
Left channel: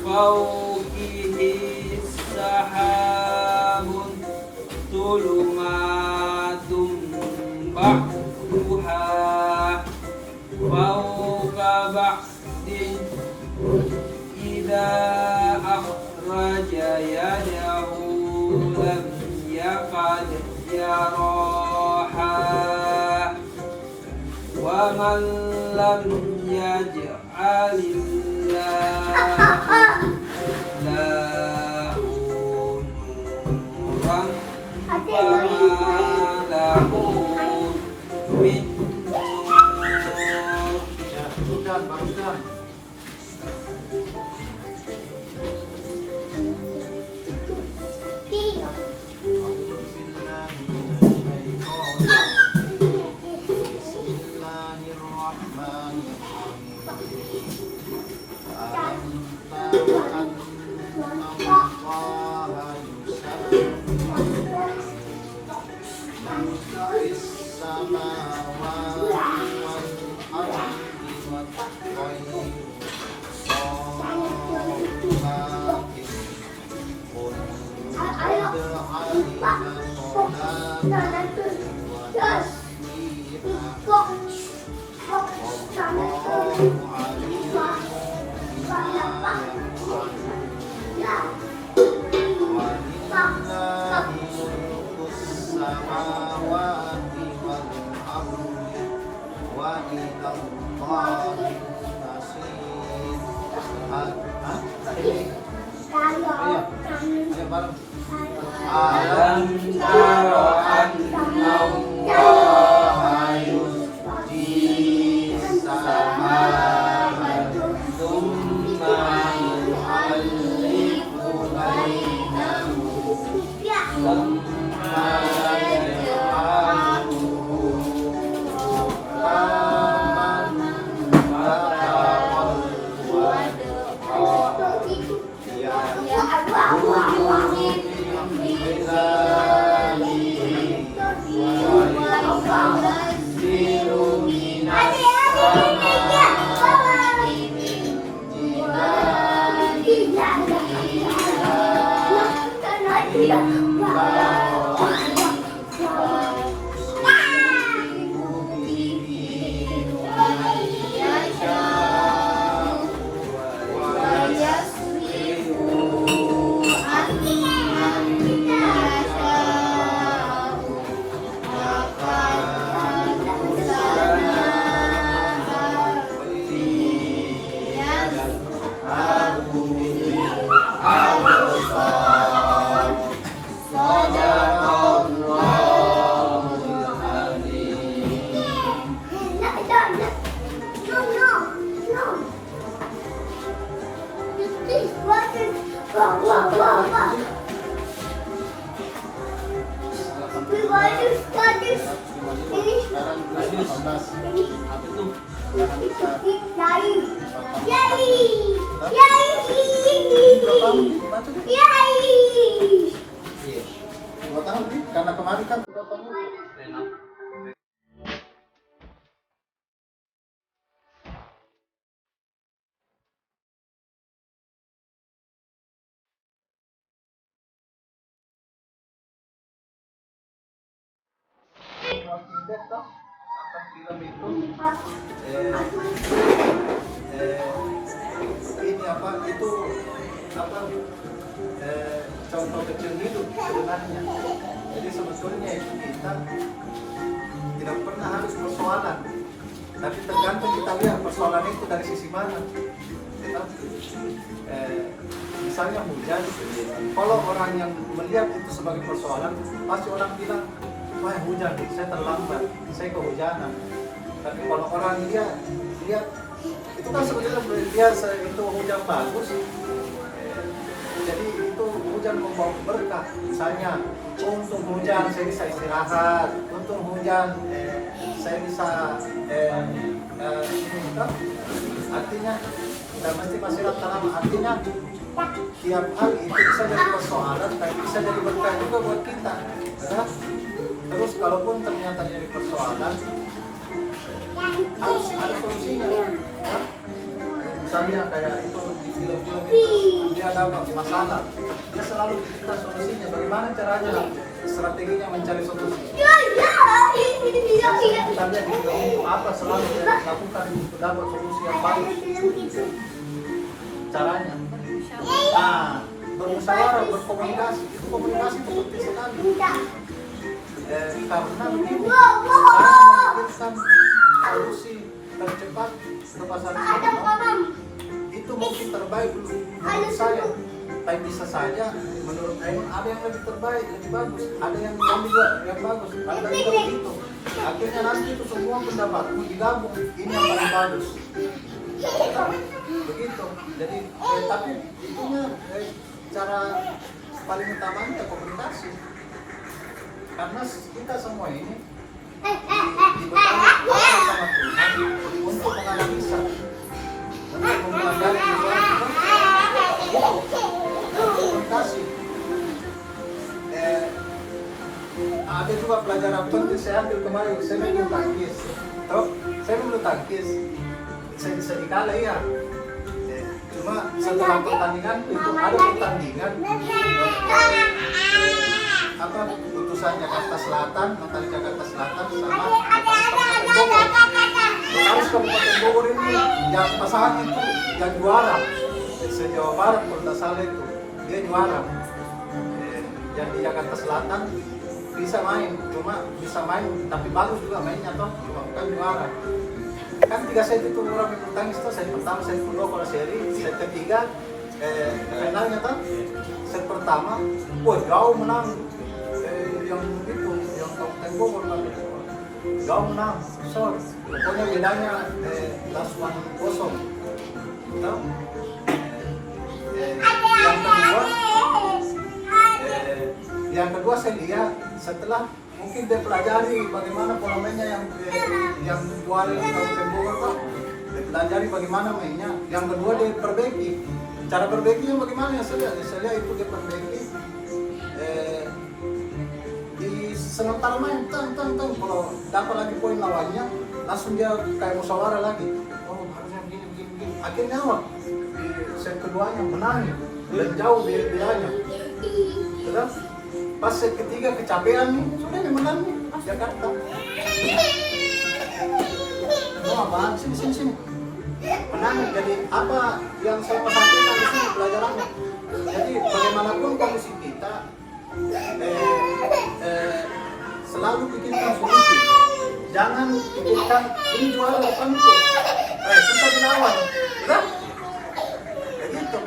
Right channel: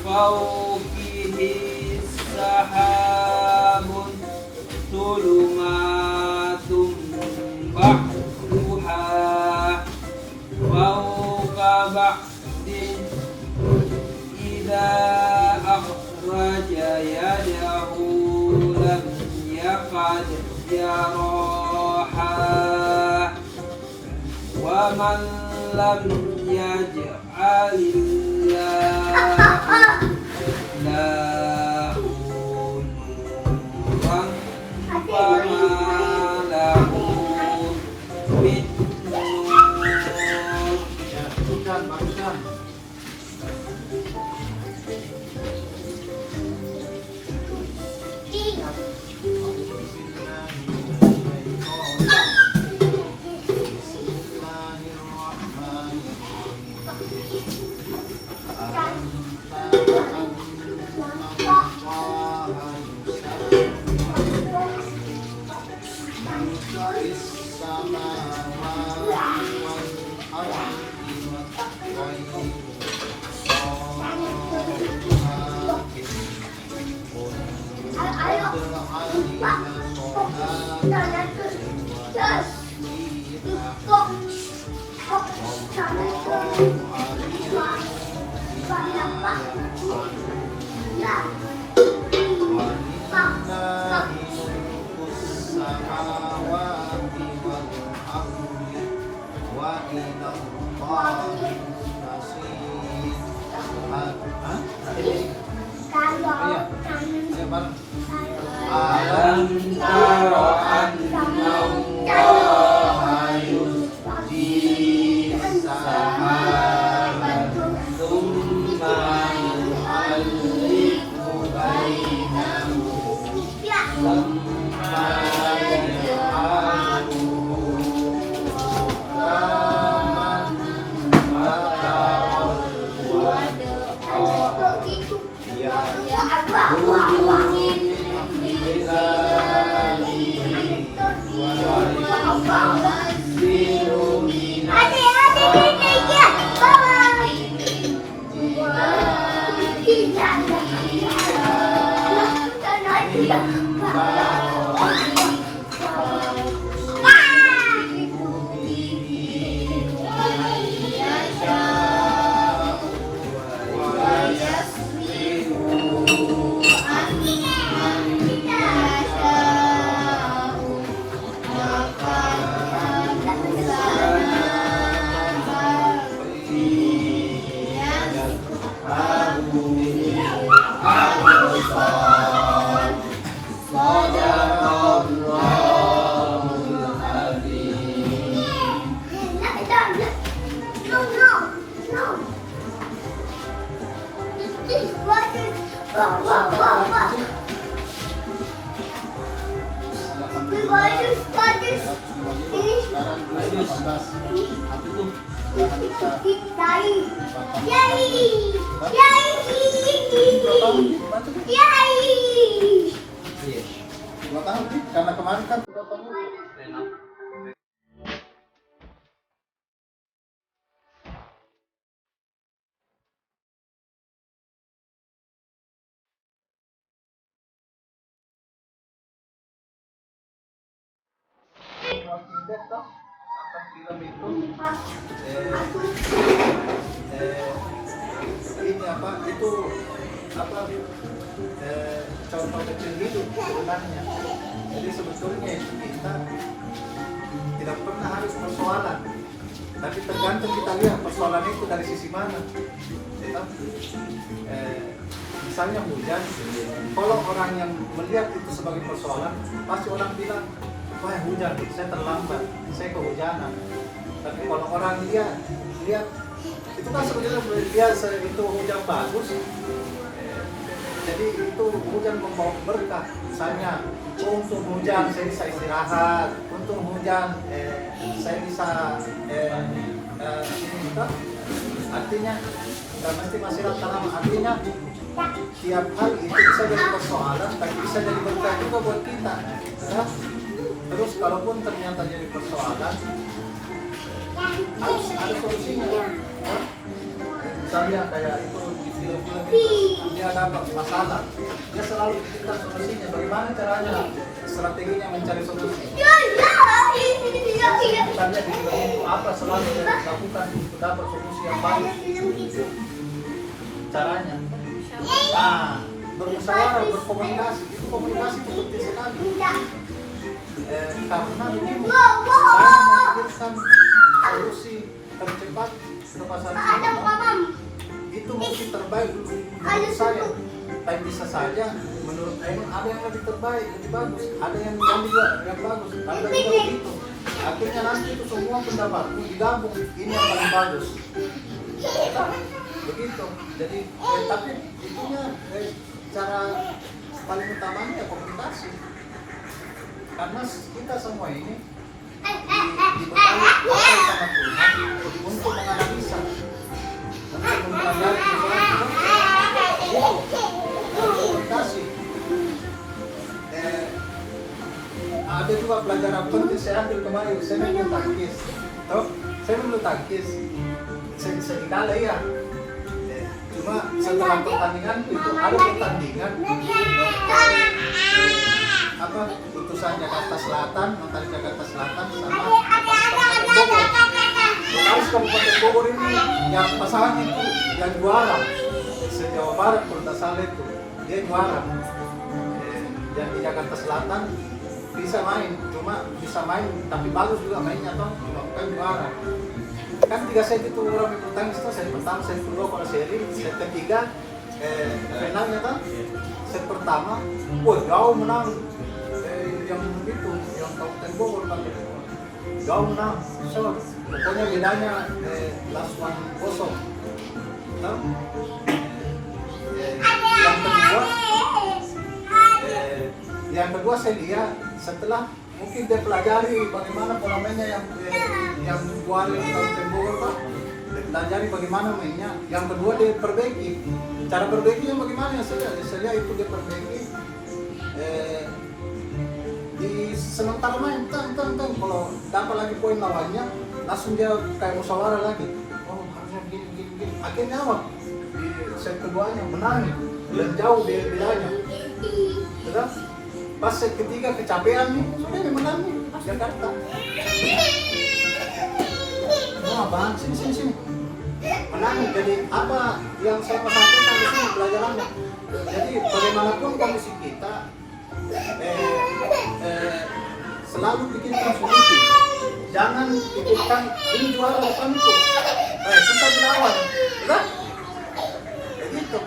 فوقه سحاب ظلمات بعضها فوق بعض إذا أخرج يده لم يكد يراها ومن لم يجعل الله له نورا فما له من نور. Ya, bagusan, bagusan. samawati wal ardi wat tayru sawmakin qul qad alima salatakum wa tasbihah wallahu alimun bima walillahi mulkus samawati wal ardi wa ilallahi tasir. Ayo bareng. Alam tara anna Allaha yusji sahaban thumma yu'allifu bainahum thumma yaj'aluhu rukaman fataqal wadqa Dua tahun nih, karena kemarin kan 2 tahun. Film itu ini apa itu apa contoh kecil hidup sebenarnya. Jadi sebetulnya kita tidak pernah harus persoalan, tapi tergantung kita lihat persoalan itu dari sisi mana. Ya, misalnya hujan, kalau orang yang melihat itu sebagai persoalan, pasti orang bilang, wah hujan, saya terlambat, saya kehujanan. Tapi kalau orang lihat itu kan sebetulnya biasa itu hujan bagus. Jadi itu hujan membawa berkah. Misalnya, untung hujan saya bisa istirahat, untung hujan saya bisa ini betul. Artinya, dan mesti masyarakat tanam. Artinya, tiap hal itu bisa jadi persoalan, tapi bisa jadi berkah juga buat kita. Ya? Terus kalaupun ternyata jadi persoalan, harus ada solusinya. Ya? Misalnya kayak itu di film-film itu dia dapat masalah, dia selalu diberikan solusinya. Bagaimana caranya, strateginya mencari solusi. Misalnya di film itu apa selalu dia lakukan untuk dapat solusi yang baik. Caranya, bermusyawarah, berkomunikasi. Itu komunikasi itu penting sekali. Karena begini, saya memikirkan solusi tercepat kepada ini, itu mungkin terbaik menurut saya, tapi bisa saja menurut saya ada yang lebih terbaik, lebih bagus, ada yang juga yang bagus, ada juga begitu. Akhirnya nanti itu semua pendapatmu digabung, ini yang paling bagus. Begitu. Jadi tapi itunya cara paling utamanya komunikasi. Karena kita semua ini dibekali akal sama Tuhan untuk menganalisa, untuk mempelajari komunikasi. Ada juga pelajaran pelajaran penting saya ambil kemarin, saya bulu tangkis. Tahu? Saya bulu tangkis. Saya dikala ya. Cuma setelah pertandingan itu ada pertandingan apa putusan Jakarta Selatan, Notaris Jakarta Selatan sama Bogor. Notaris Kabupaten Bogor ini yang pasangan itu yang juara. Se-Jawa Barat kalau tidak salah itu dia juara. Yang di Jakarta Selatan bisa main tapi bagus juga mainnya toh, bukan juara. Kan 3 set itu orang bulu tangkis itu, set pertama, set kedua kalau seri, set ketiga finalnya toh. Set pertama, wah jauh menang yang itu, yang Kabupaten Bogor tapi jauh menang, so pokoknya bedanya 8-0. Tahu? Yang kedua saya lihat setelah mungkin dia pelajari bagaimana pola mainnya yang juara di Kabupaten Bogor Pak. Dia pelajari bagaimana mainnya. Yang kedua dia perbaiki. Cara perbaikinya bagaimana ya saya lihat itu dia perbaiki. Di sementara main kalau dapat lagi poin lawannya langsung dia kayak musyawarah lagi. Oh harusnya begini. Akhirnya apa? Di set keduanya menang. Lebih jauh dia bedanya. Betul? Pas set ketiga kecapean nih, sudah dia menang nih, Jakarta. Oh apaan? Sini. Menang, jadi apa yang saya mau sampaikan di sini pelajarannya. Jadi bagaimanapun kondisi kita, selalu pikirkan solusi. Jangan pikirkan ini juara depanku, susah dilawan, betul? Kayak gitu.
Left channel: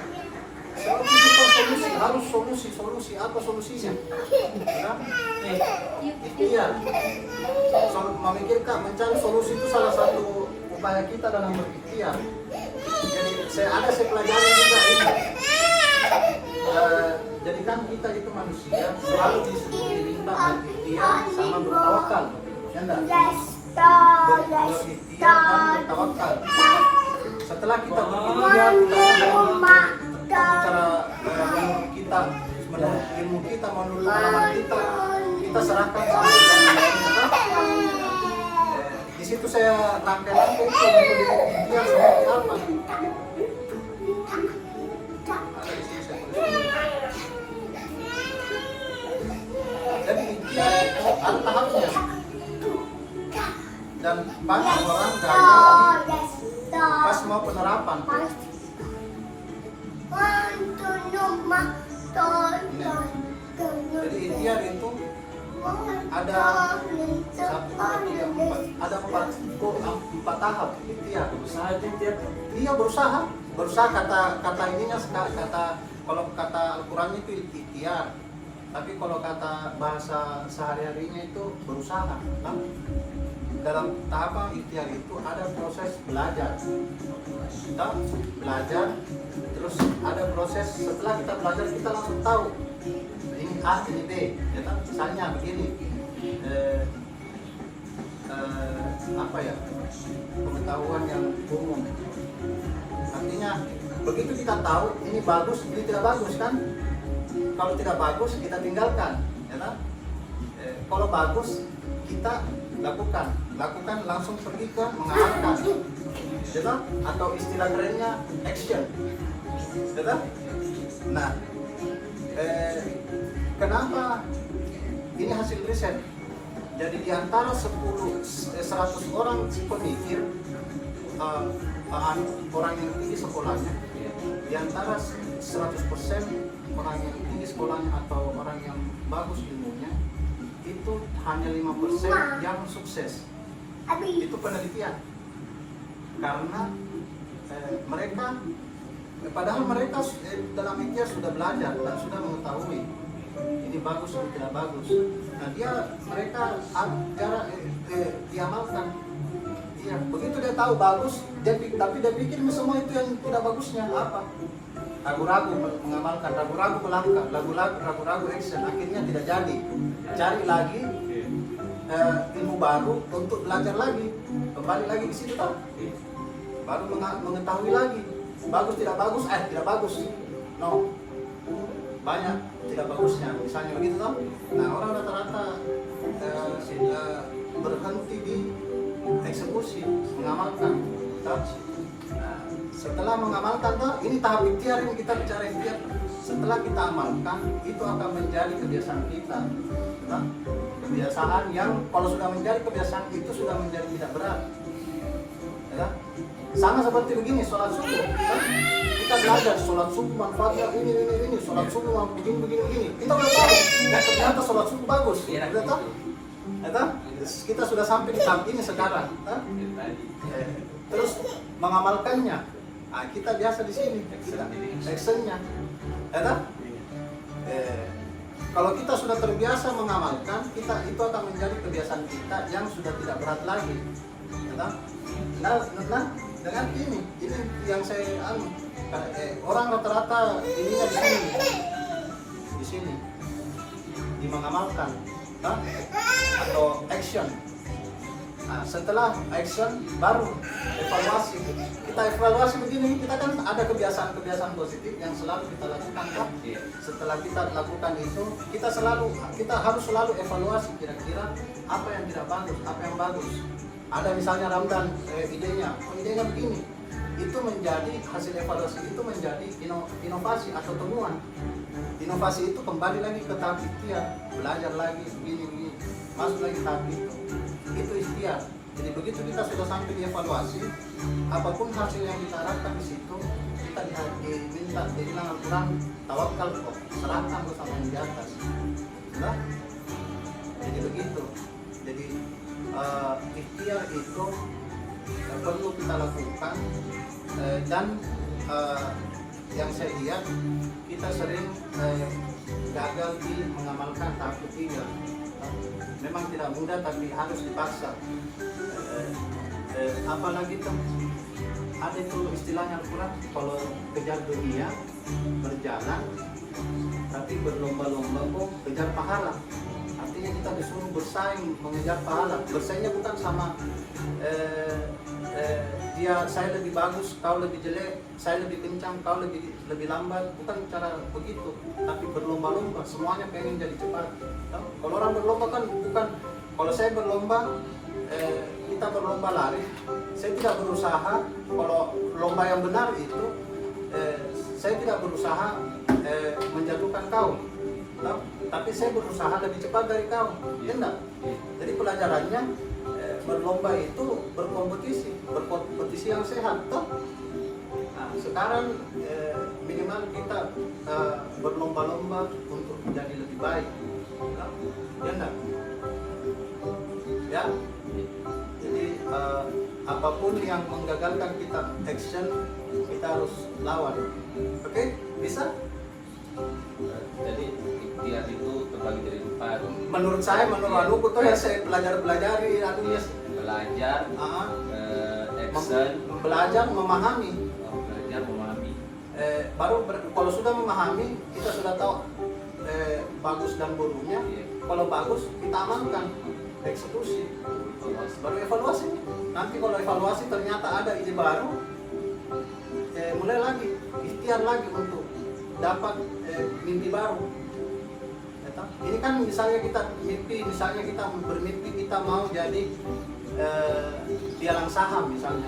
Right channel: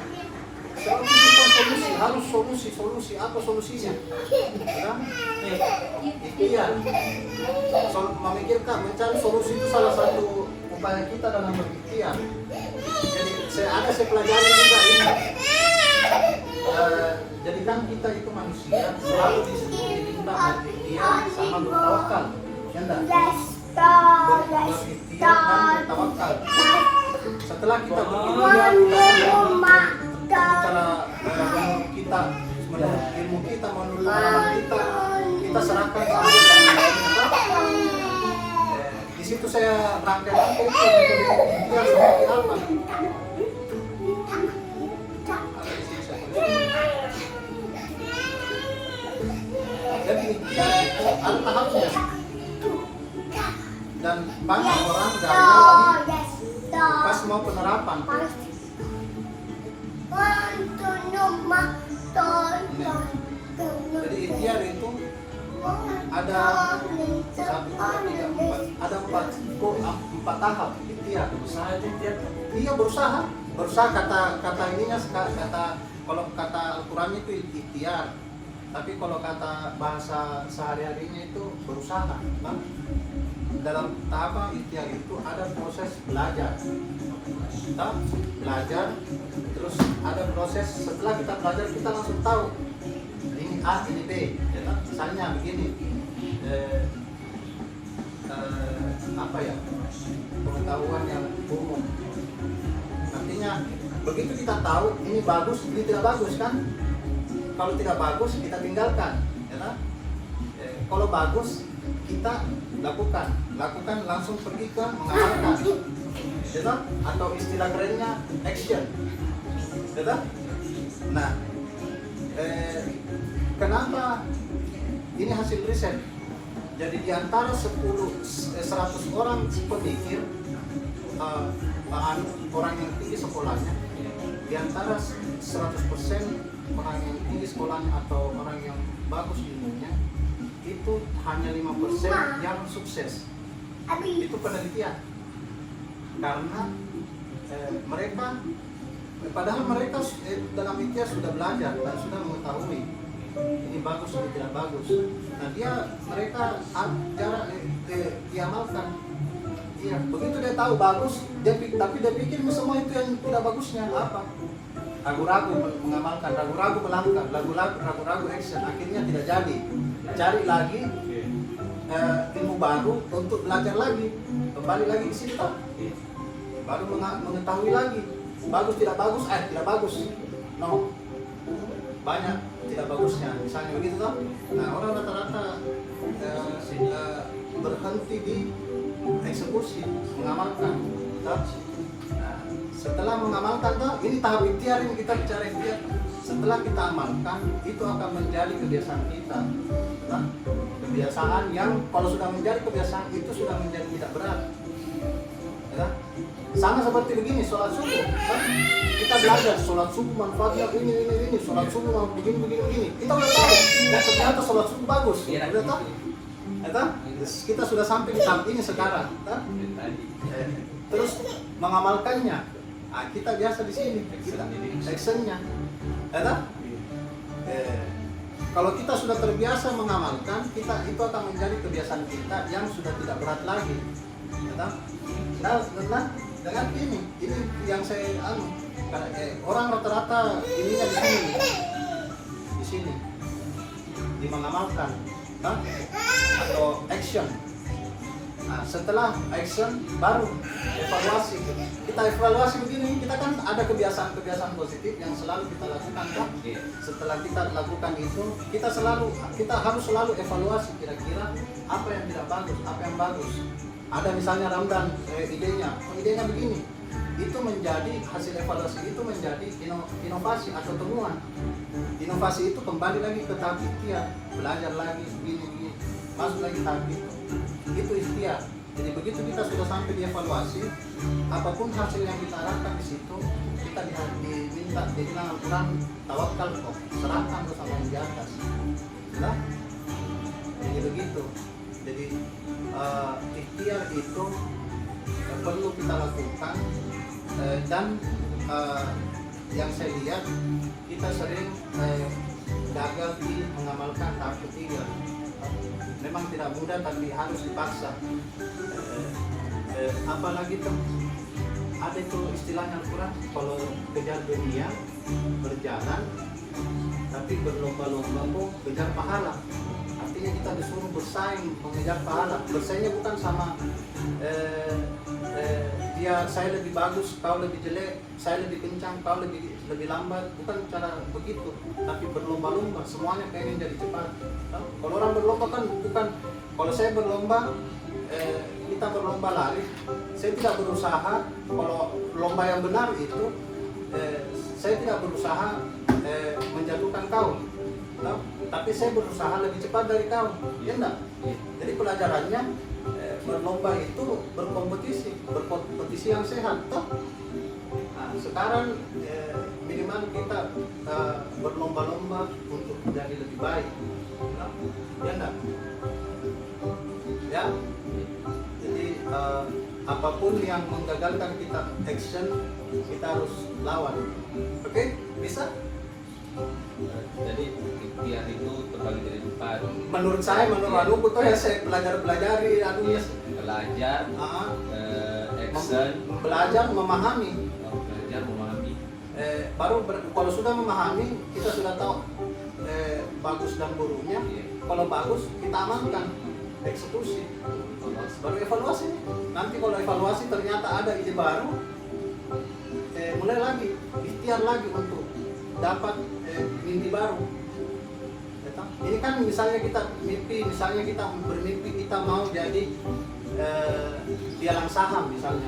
Selalu pikirkan solusi, harus solusi, apa solusinya? Betul? Ikhtiar. Memikirkan, mencari solusi itu salah satu upaya kita dalam berikhtiar. Jadi saya pelajari juga ini. Jadi kan kita itu manusia selalu diminta berikhtiar sama bertawakal. Ya enggak? Berikhtiar dan bertawakal. Setelah kita berikhtiar, kita menurut ilmu kita, menurut pengalaman kita serahkan sama yang lain. Di situ saya rangkai-rangkai itu untuk seperti apa. Jadi itu ada tahapnya. Dan banyak orang gagal pas mau penerapan. Jadi ikhtiar itu ada 4 tahap ikhtiar. Iya berusaha kata ininya kalau kata Al-Quran itu ikhtiar. Tapi kalau kata bahasa sehari-harinya itu berusaha. Nah, dalam tahap ikhtiar itu ada proses belajar. Kita belajar, terus ada proses setelah kita belajar kita langsung tahu ini A, ini B. Ya, misalnya begini, apa ya, pengetahuan yang umum. Artinya begitu kita tahu ini bagus, ini tidak bagus kan? Kalau tidak bagus kita tinggalkan, ya kan? Kalau bagus kita lakukan langsung pergi ke mengamalkan, ya kan? Atau istilah kerennya action, ya kan? Nah, kenapa ini hasil riset? Jadi di antara 100 orang pemikir, orang yang tinggi sekolahnya, di antara 100% orang yang tinggi sekolahnya atau orang yang bagus ilmunya, itu hanya 5% yang sukses. Itu penelitian. Karena mereka, padahal mereka dalam ikhtiar sudah belajar dan sudah mengetahui ini bagus ini tidak bagus. Nah mereka diamalkan. Iya, begitu dia tahu bagus, tapi dia pikir semua itu yang tidak bagusnya apa? Ragu-ragu mengamalkan, ragu-ragu melangkah, ragu-ragu action, akhirnya tidak jadi. Cari lagi ilmu baru untuk belajar lagi, kembali lagi di situ, baru mengetahui lagi bagus tidak bagus, tidak bagus, no, banyak tidak bagusnya, misalnya begitu toh. Nah orang rata-rata berhenti di eksekusi, mengamalkan toh. Nah, setelah mengamalkan toh, ini tahap ikhtiar, ini kita bicara ikhtiar. Setelah kita amalkan, itu akan menjadi kebiasaan kita toh. Kebiasaan yang kalau sudah menjadi kebiasaan itu sudah menjadi tidak berat ya. Sama seperti begini, sholat subuh kan? Kita belajar sholat subuh manfaatnya ini, sholat subuh begini. Kita udah tahu, dan ternyata sholat subuh bagus, udah tahu. Kita sudah sampai di tahap ini sekarang. Terus mengamalkannya, nah, kita biasa di sini, actionnya, kalau kita sudah terbiasa mengamalkan, kita itu akan menjadi kebiasaan kita yang sudah tidak berat lagi. Nah, dengan ini yang saya orang rata-rata ininya di sini di mengamalkan atau action. Nah, setelah action baru evaluasi. Kita evaluasi begini, kita kan ada kebiasaan-kebiasaan positif yang selalu kita lakukan kan? Setelah kita lakukan itu, kita harus selalu evaluasi kira-kira apa yang tidak bagus, apa yang bagus. Ada misalnya Ramdan idenya begini, itu menjadi hasil evaluasi, itu menjadi inovasi atau temuan. Inovasi itu kembali lagi ke tahap ikhtiar, belajar lagi begini, masuk lagi tahap itu ikhtiar. Jadi begitu kita sudah sampai di evaluasi, apapun hasil yang kita harapkan di situ, kita diminta dibilang Al-Quran, tawakal kok, serahkan bersama yang di atas. Nah, jadi begitu. Jadi ikhtiar itu perlu kita lakukan, dan yang saya lihat kita sering gagal di mengamalkan tahap ketiga. Memang tidak mudah tapi harus dipaksa. Apalagi tuh ada itu istilahnya Al-Quran, kalau kejar dunia berjalan tapi berlomba-lomba kok kejar pahala. Artinya kita disuruh bersaing mengejar pahala. Bersaingnya bukan sama saya lebih bagus, kau lebih jelek, saya lebih kencang, kau lebih lambat, bukan cara begitu. Tapi berlomba-lomba, semuanya pengen jadi cepat. Kalau orang berlomba kan bukan, kalau saya berlomba, kita berlomba lari, saya tidak berusaha, kalau lomba yang benar itu, saya tidak berusaha menjatuhkan kau. Tapi saya berusaha lebih cepat dari kau, ya enggak? Jadi pelajarannya berlomba itu berkompetisi yang sehat, toh. Nah, sekarang minimal kita berlomba-lomba untuk menjadi lebih baik, ya enggak? Ya. Jadi apapun yang menggagalkan kita action, kita harus lawan. Oke? Bisa? Jadi ikhtiar itu terbagi dari 4. Menurut saya, menurut tuh yang saya pelajari anunya Belajar, action, belajar memahami. belajar memahami. Kalau sudah memahami, kita sudah tahu bagus dan buruknya. Kalau bagus, kita amankan, eksekusi, baru evaluasi. Nanti kalau evaluasi ternyata ada ide baru, mulai lagi, ikhtiar lagi untuk dapat mimpi baru. Ini kan misalnya kita mimpi, misalnya kita bermimpi kita mau jadi pialang saham misalnya.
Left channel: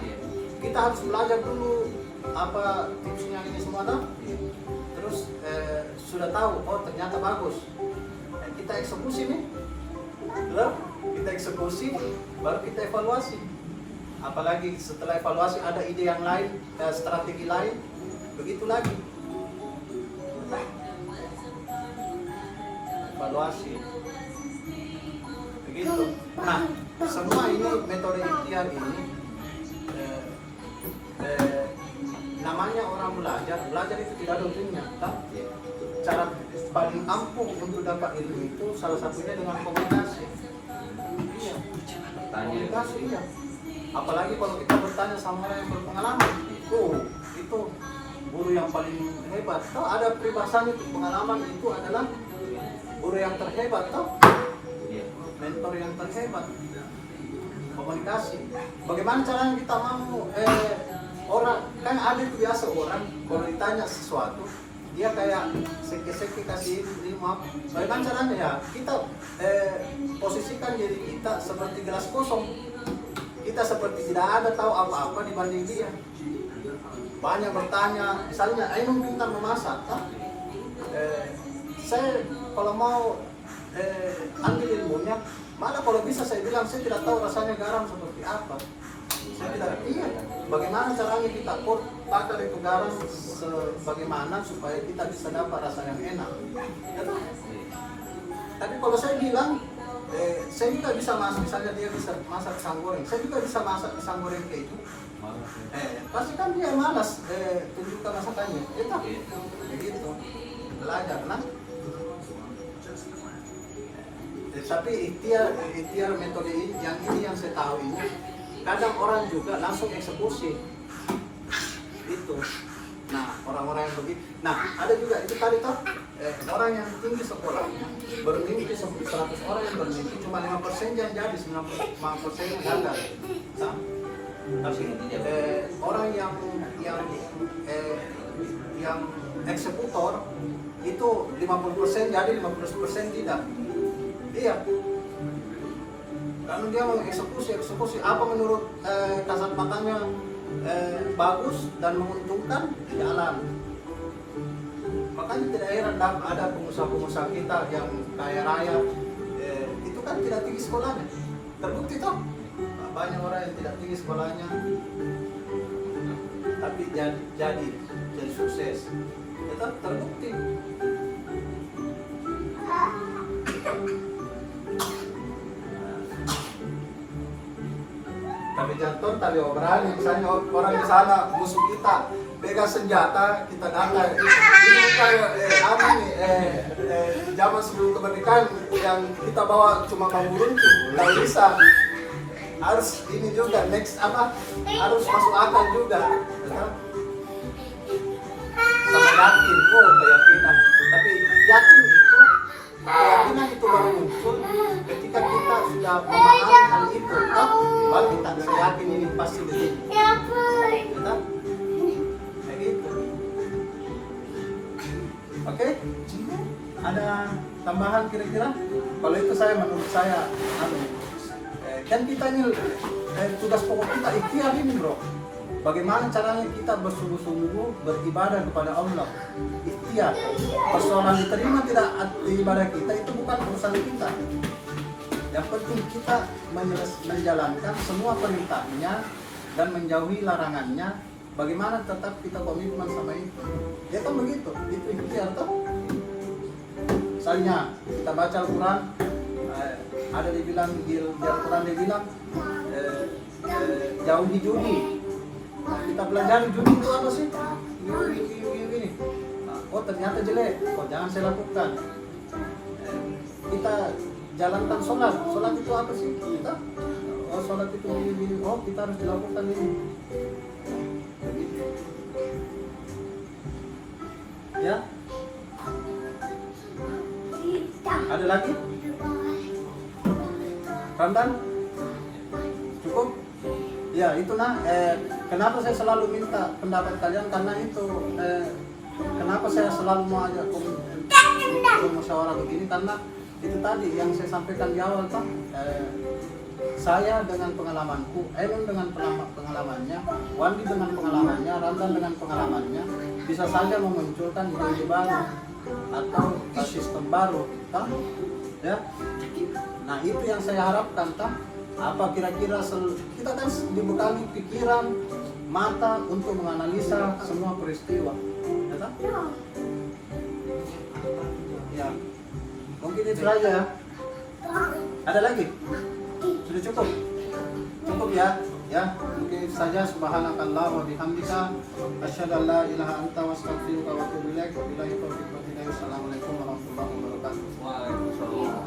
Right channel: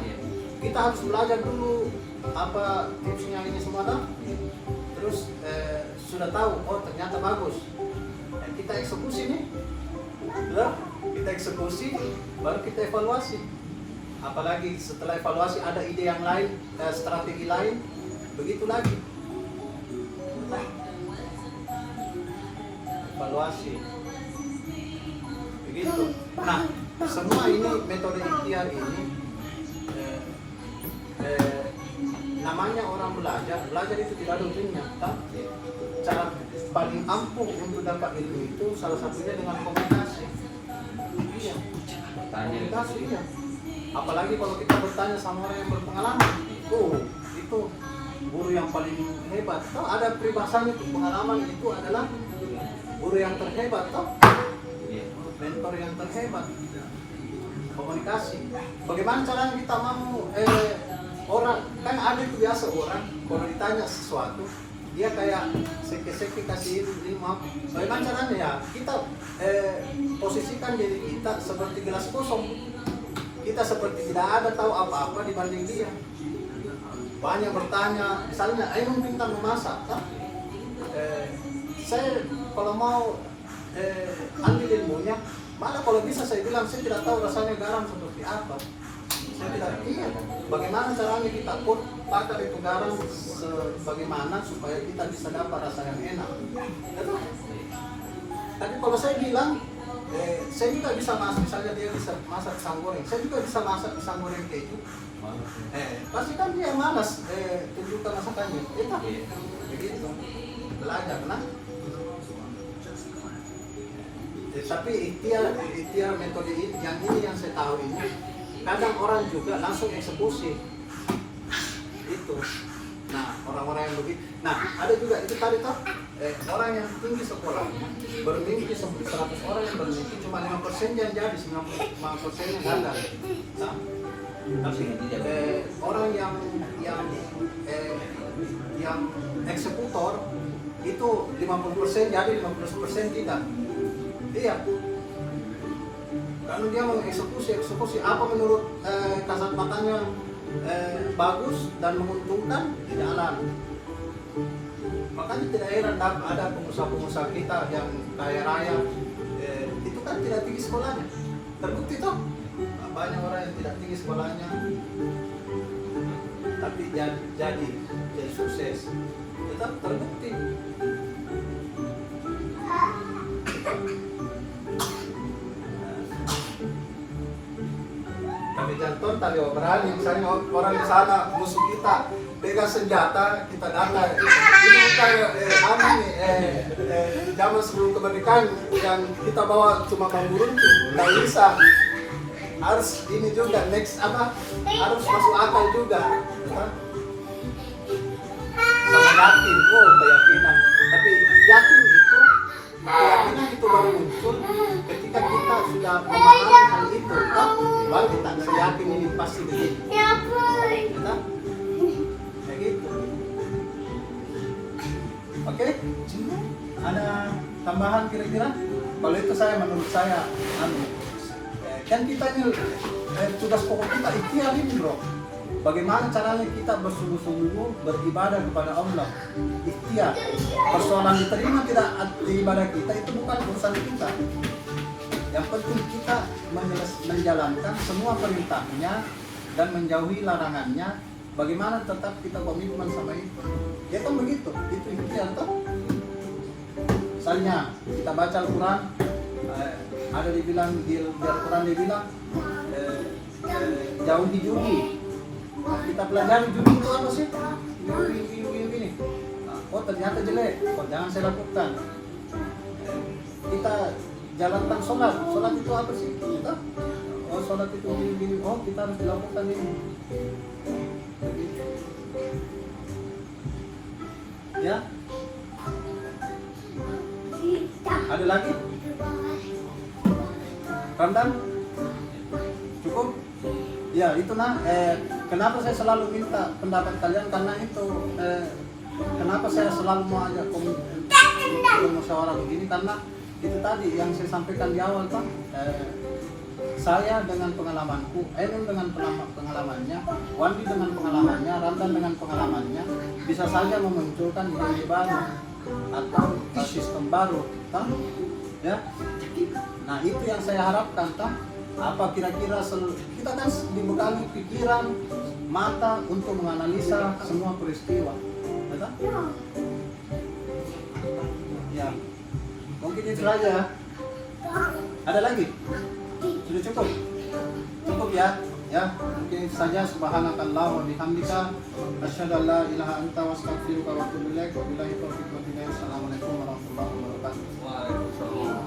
Kita harus belajar dulu apa tipsnya ini semua kan? Terus sudah tahu, oh ternyata bagus. Kita eksekusi nih. Lalu kita eksekusi, baru kita evaluasi. Apalagi setelah evaluasi ada ide yang lain, strategi lain, begitu lagi. Evaluasi begitu. Nah, semua ini metode ikhtiar ini namanya orang belajar itu tidak ada ujungnya kan? Cara paling ampuh untuk dapat ilmu itu salah satunya dengan komunikasi. Iya, komunikasi iya. Apalagi kalau kita bertanya sama orang yang berpengalaman, itu guru yang paling hebat. Tahu ada peribahasanya itu, pengalaman itu adalah guru yang terhebat, toh? Mentor yang terhebat. Komunikasi. Bagaimana caranya kita mau orang kan ada itu biasa orang kalau ditanya sesuatu dia kayak seke-seke kasih lima. Bagaimana caranya ya? Kita posisikan diri kita seperti gelas kosong. Kita seperti tidak ada tahu apa-apa dibanding dia. Banyak bertanya, misalnya, ayo minta memasak. Saya kalau mau ambil ilmunya, malah kalau bisa saya bilang saya tidak tahu rasanya garam seperti apa. Saya tidak iya. Bagaimana caranya kita bakar itu garam bagaimana supaya kita bisa dapat rasa yang enak. Gitu? Tapi kalau saya bilang, saya juga bisa masak, misalnya dia bisa masak pisang goreng, saya juga bisa masak pisang goreng keju. Pasti kan dia malas tunjukkan masakannya. Enak, begitu. Belajar, nah. Tapi ikhtiar metode ini yang saya tahu ini, kadang orang juga langsung eksekusi itu. Nah, orang-orang yang begitu. Nah, ada juga itu tadi toh orang yang tinggi sekolahnya bermimpi 100 orang yang bermimpi cuma 5% yang jadi, 95% yang gagal. Nah, tapi orang yang eksekutor itu 50% jadi 50% tidak. Iya. Kalau dia mengeksekusi apa menurut kasat matanya bagus dan menguntungkan, jalan. Makanya tidak heran ada pengusaha-pengusaha kita yang kaya raya itu kan tidak tinggi sekolahnya. Terbukti toh banyak orang yang tidak tinggi sekolahnya tapi jadi sukses. Tetap terbukti. Tapi jangan tali obrol, misalnya orang di sana musuh kita pegang senjata, kita datang. Ini kayak zaman sebelum kemerdekaan yang kita bawa cuma bambu runcing, nggak bisa. Harus ini juga next harus masuk akal juga. Sama yakin, keyakinan. Tapi yakin keyakinan itu baru muncul ketika kita sudah memahami hal itu. Baru kita bisa yakin ini pasti begitu. Kita kayak gitu. Oke? Ada tambahan kira-kira? Kalau itu menurut saya kan kita ini tugas pokok kita ikhtiar ini bro. Bagaimana caranya kita bersungguh-sungguh beribadah kepada Allah. Ikhtiar. Persoalan diterima tidak ibadah kita itu bukan urusan kita. Yang penting kita menjalankan semua perintahnya dan menjauhi larangannya. Bagaimana tetap kita komitmen sama itu. Ya kan begitu. Itu ikhtiar toh. Misalnya kita baca Al-Quran, ada dibilang di Al-Quran dibilang jauhi judi. Kita pelajari judi itu apa sih? Ini. Oh ternyata jelek. Oh jangan saya lakukan. Kita jalankan sholat. Sholat itu apa sih? Kita sholat itu gini. Oh kita harus lakukan ini. Ya. Ada lagi? Ramdan? Cukup? Ya itu kenapa saya selalu minta pendapat kalian karena itu kenapa saya selalu mau ajak musyawarah begini karena itu tadi yang saya sampaikan di awal Pak. Saya dengan pengalamanku, Ainun dengan pengalamannya, Wandi dengan pengalamannya, Ramdan dengan pengalamannya bisa saja memunculkan ide baru atau sistem baru, kan? Ya. Nah itu yang saya harapkan, kan? Apa kira-kira kita kan dibekali pikiran, mata untuk menganalisa semua peristiwa, ya kan? Ya, mungkin itu saja. Ada lagi? Sudah cukup? Cukup ya? Ya, mungkin itu saja. Subhanakallah wa bihamdika asyhadu an la ilaha anta wa astaghfiruka wa atubu ilaik. Wabillahi taufiq wal hidayah. Assalamualaikum warahmatullahi wabarakatuh. Waalaikumsalam.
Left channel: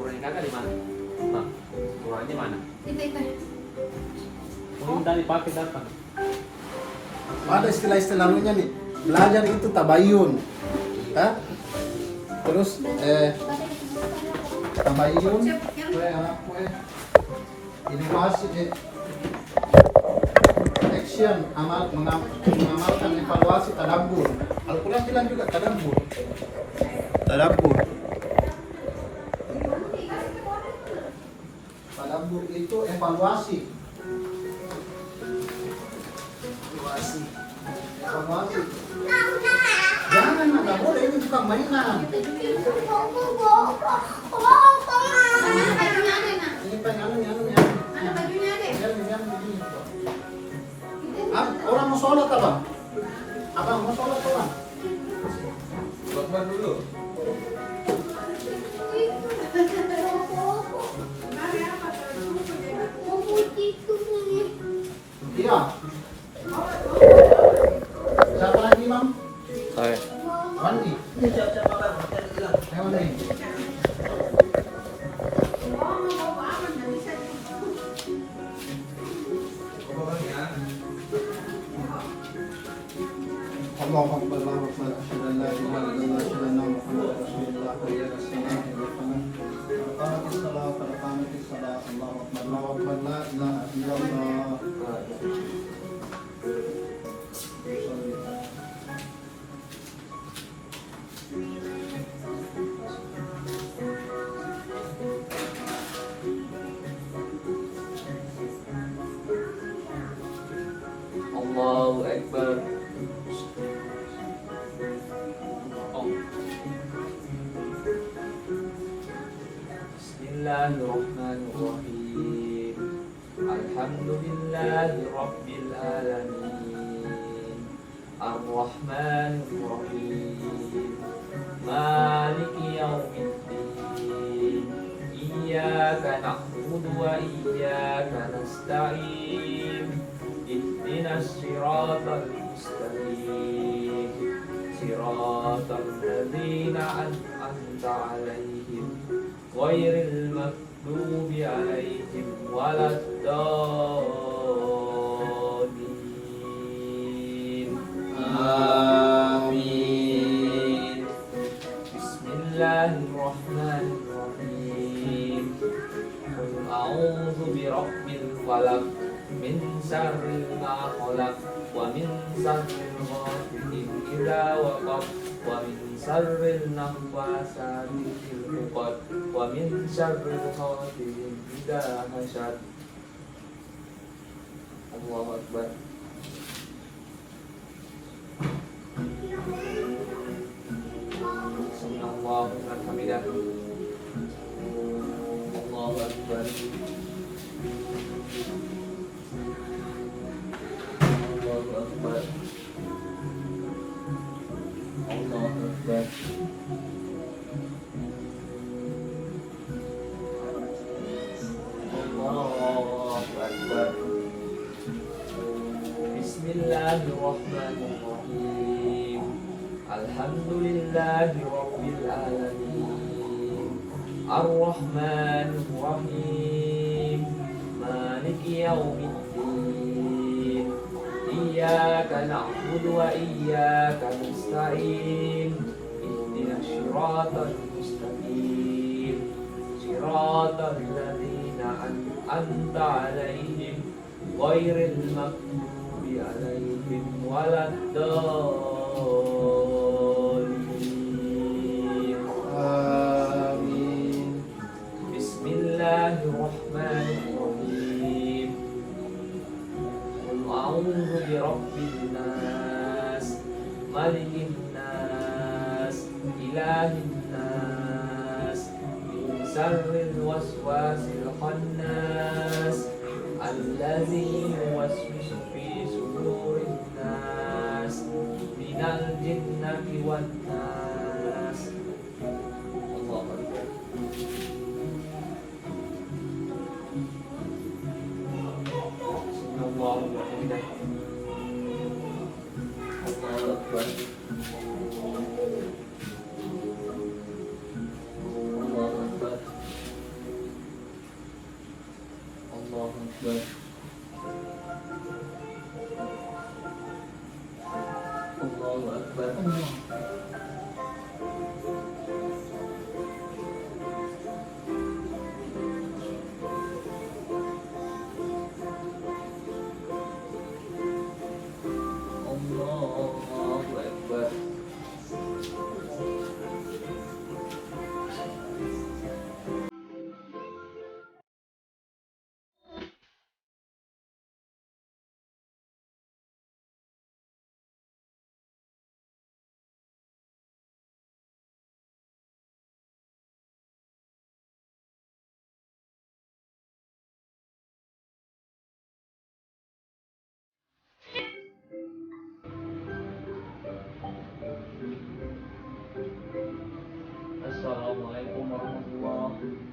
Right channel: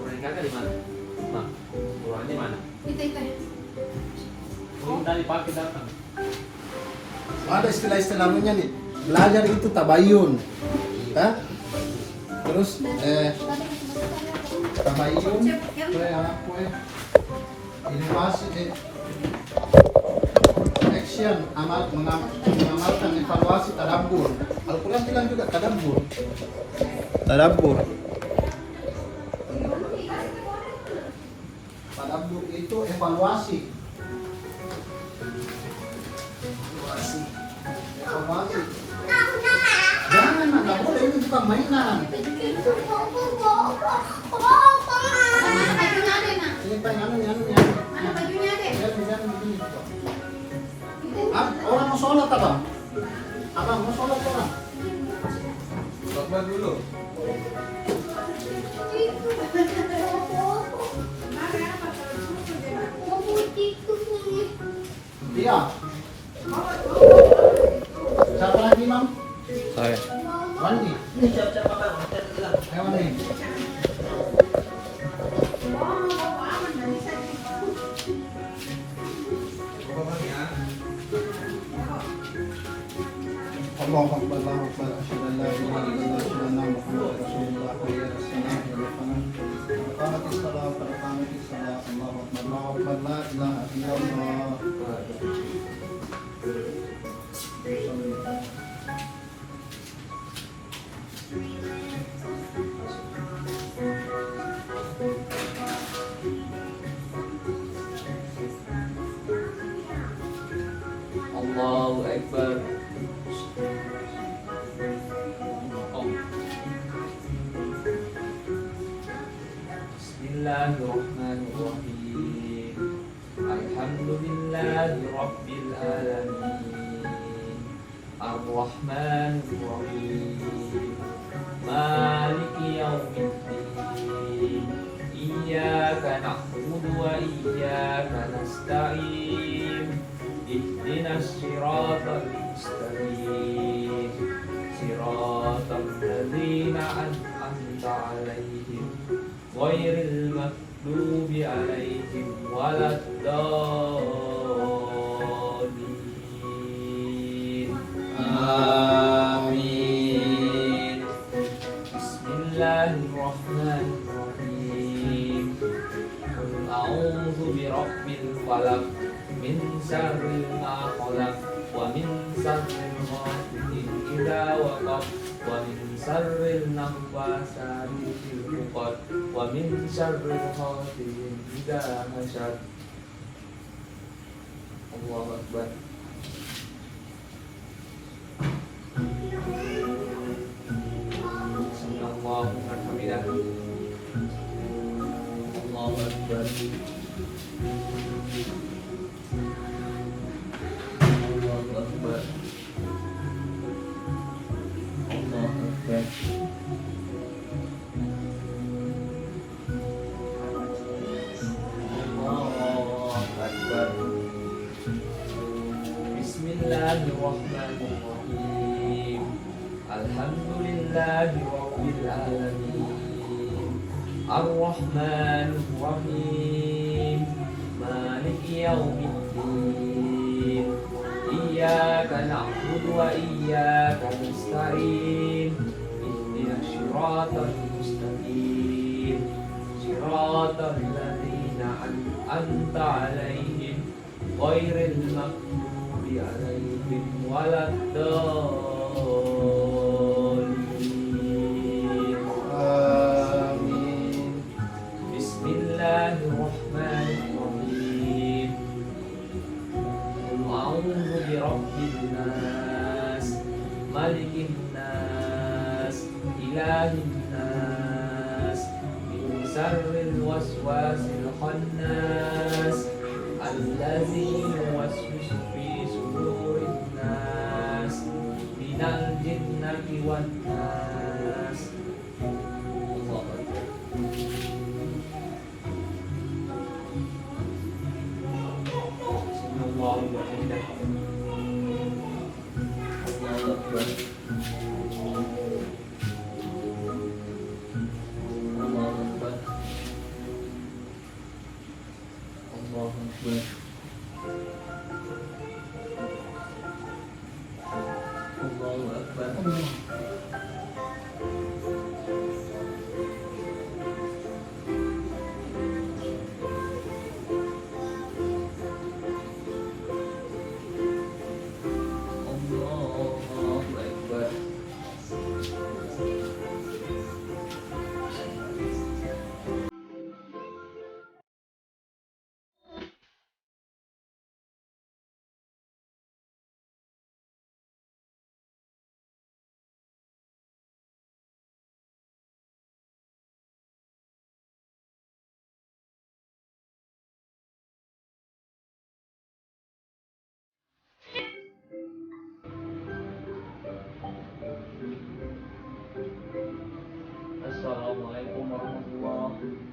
Kurangnya kakak di mana? Bang, kurangnya mana? Itu. Ini tadi pakai datang. Ada istilah-istilahnya nih. Belajar itu tabayun. Hah? Terus tabayun inovasi action yan, mengamalkan evaluasi tadabbur. Al-Quran bilang juga tadabbur. Tadabbur. Tadabbur itu evaluasi. Evaluasi. Jangan, nggak boleh, ini bukan mainan. Mana bajunya ada, Mak? Ini pengen Mana bajunya ada? Orang mau sholat abang? Abang mau sholat orang? Khotbah dulu. Iya. Siapa lagi, Mam? Saya. Mandi. Ayo mandi. Allahu Akbar, Allahu Akbar, asyhadu an la ilaha illallah, asyhadu anna Muhammadar Rasulullah, hayya 'alas salah, hayya 'alal falah. Qamatis salah, qad qamatis salah, Allahu Akbar, Allahu Akbar, la ilaha illallah. Allahu Akbar. Bismillahirrahmanirrahim. Alhamdulillahi Rabbil Alamin. Ar-Rahmanir-Rahim. Maliki yaumiddin. Iyyaka na'budu wa iyyaka nasta'in. Ihdinas siratal mustaqim. Siratal ladzina an'amta 'alaihim ghairil maghdubi 'alaihim waladdallin. Amin. Bismillahirrahmanirrahim. Qul a'udzu birabbil falaq min syarri ma khalaq wa min syarri ghasiqin idza waqab wa min syarri naffasati fil 'uqad wa min syarri hasidin idza hasad. Allahu Akbar. Sallallahu alaihi wasallam. Allahu Akbar. Allahu Akbar. Allahu Akbar. Allahu Akbar. Bismillahirrahmanirrahim. Alhamdulillahi Rabbil Alamin. Ar-Rahmanir-Rahim. Maliki yaumiddin. Iyyaka na'budu wa iyyaka nasta'in. Ihdinas siratal mustaqim. Siratal ladzina an'amta 'alaihim ghairil maghdubi 'alaihim waladdallin. Amin. Bismillahirrahmanirrahim. Qul a'udzu birabbin nas, malikin nas, ilahin nas, min syarril waswasil khannas, allazi yuwaswisu fi sudurin nas, minal jinnati wan nas. Allahu Akbar. Allahu Akbar. Allahu Akbar. Allahu Akbar. Allahu Akbar. Allahu Akbar. Assalamualaikum warahmatullahi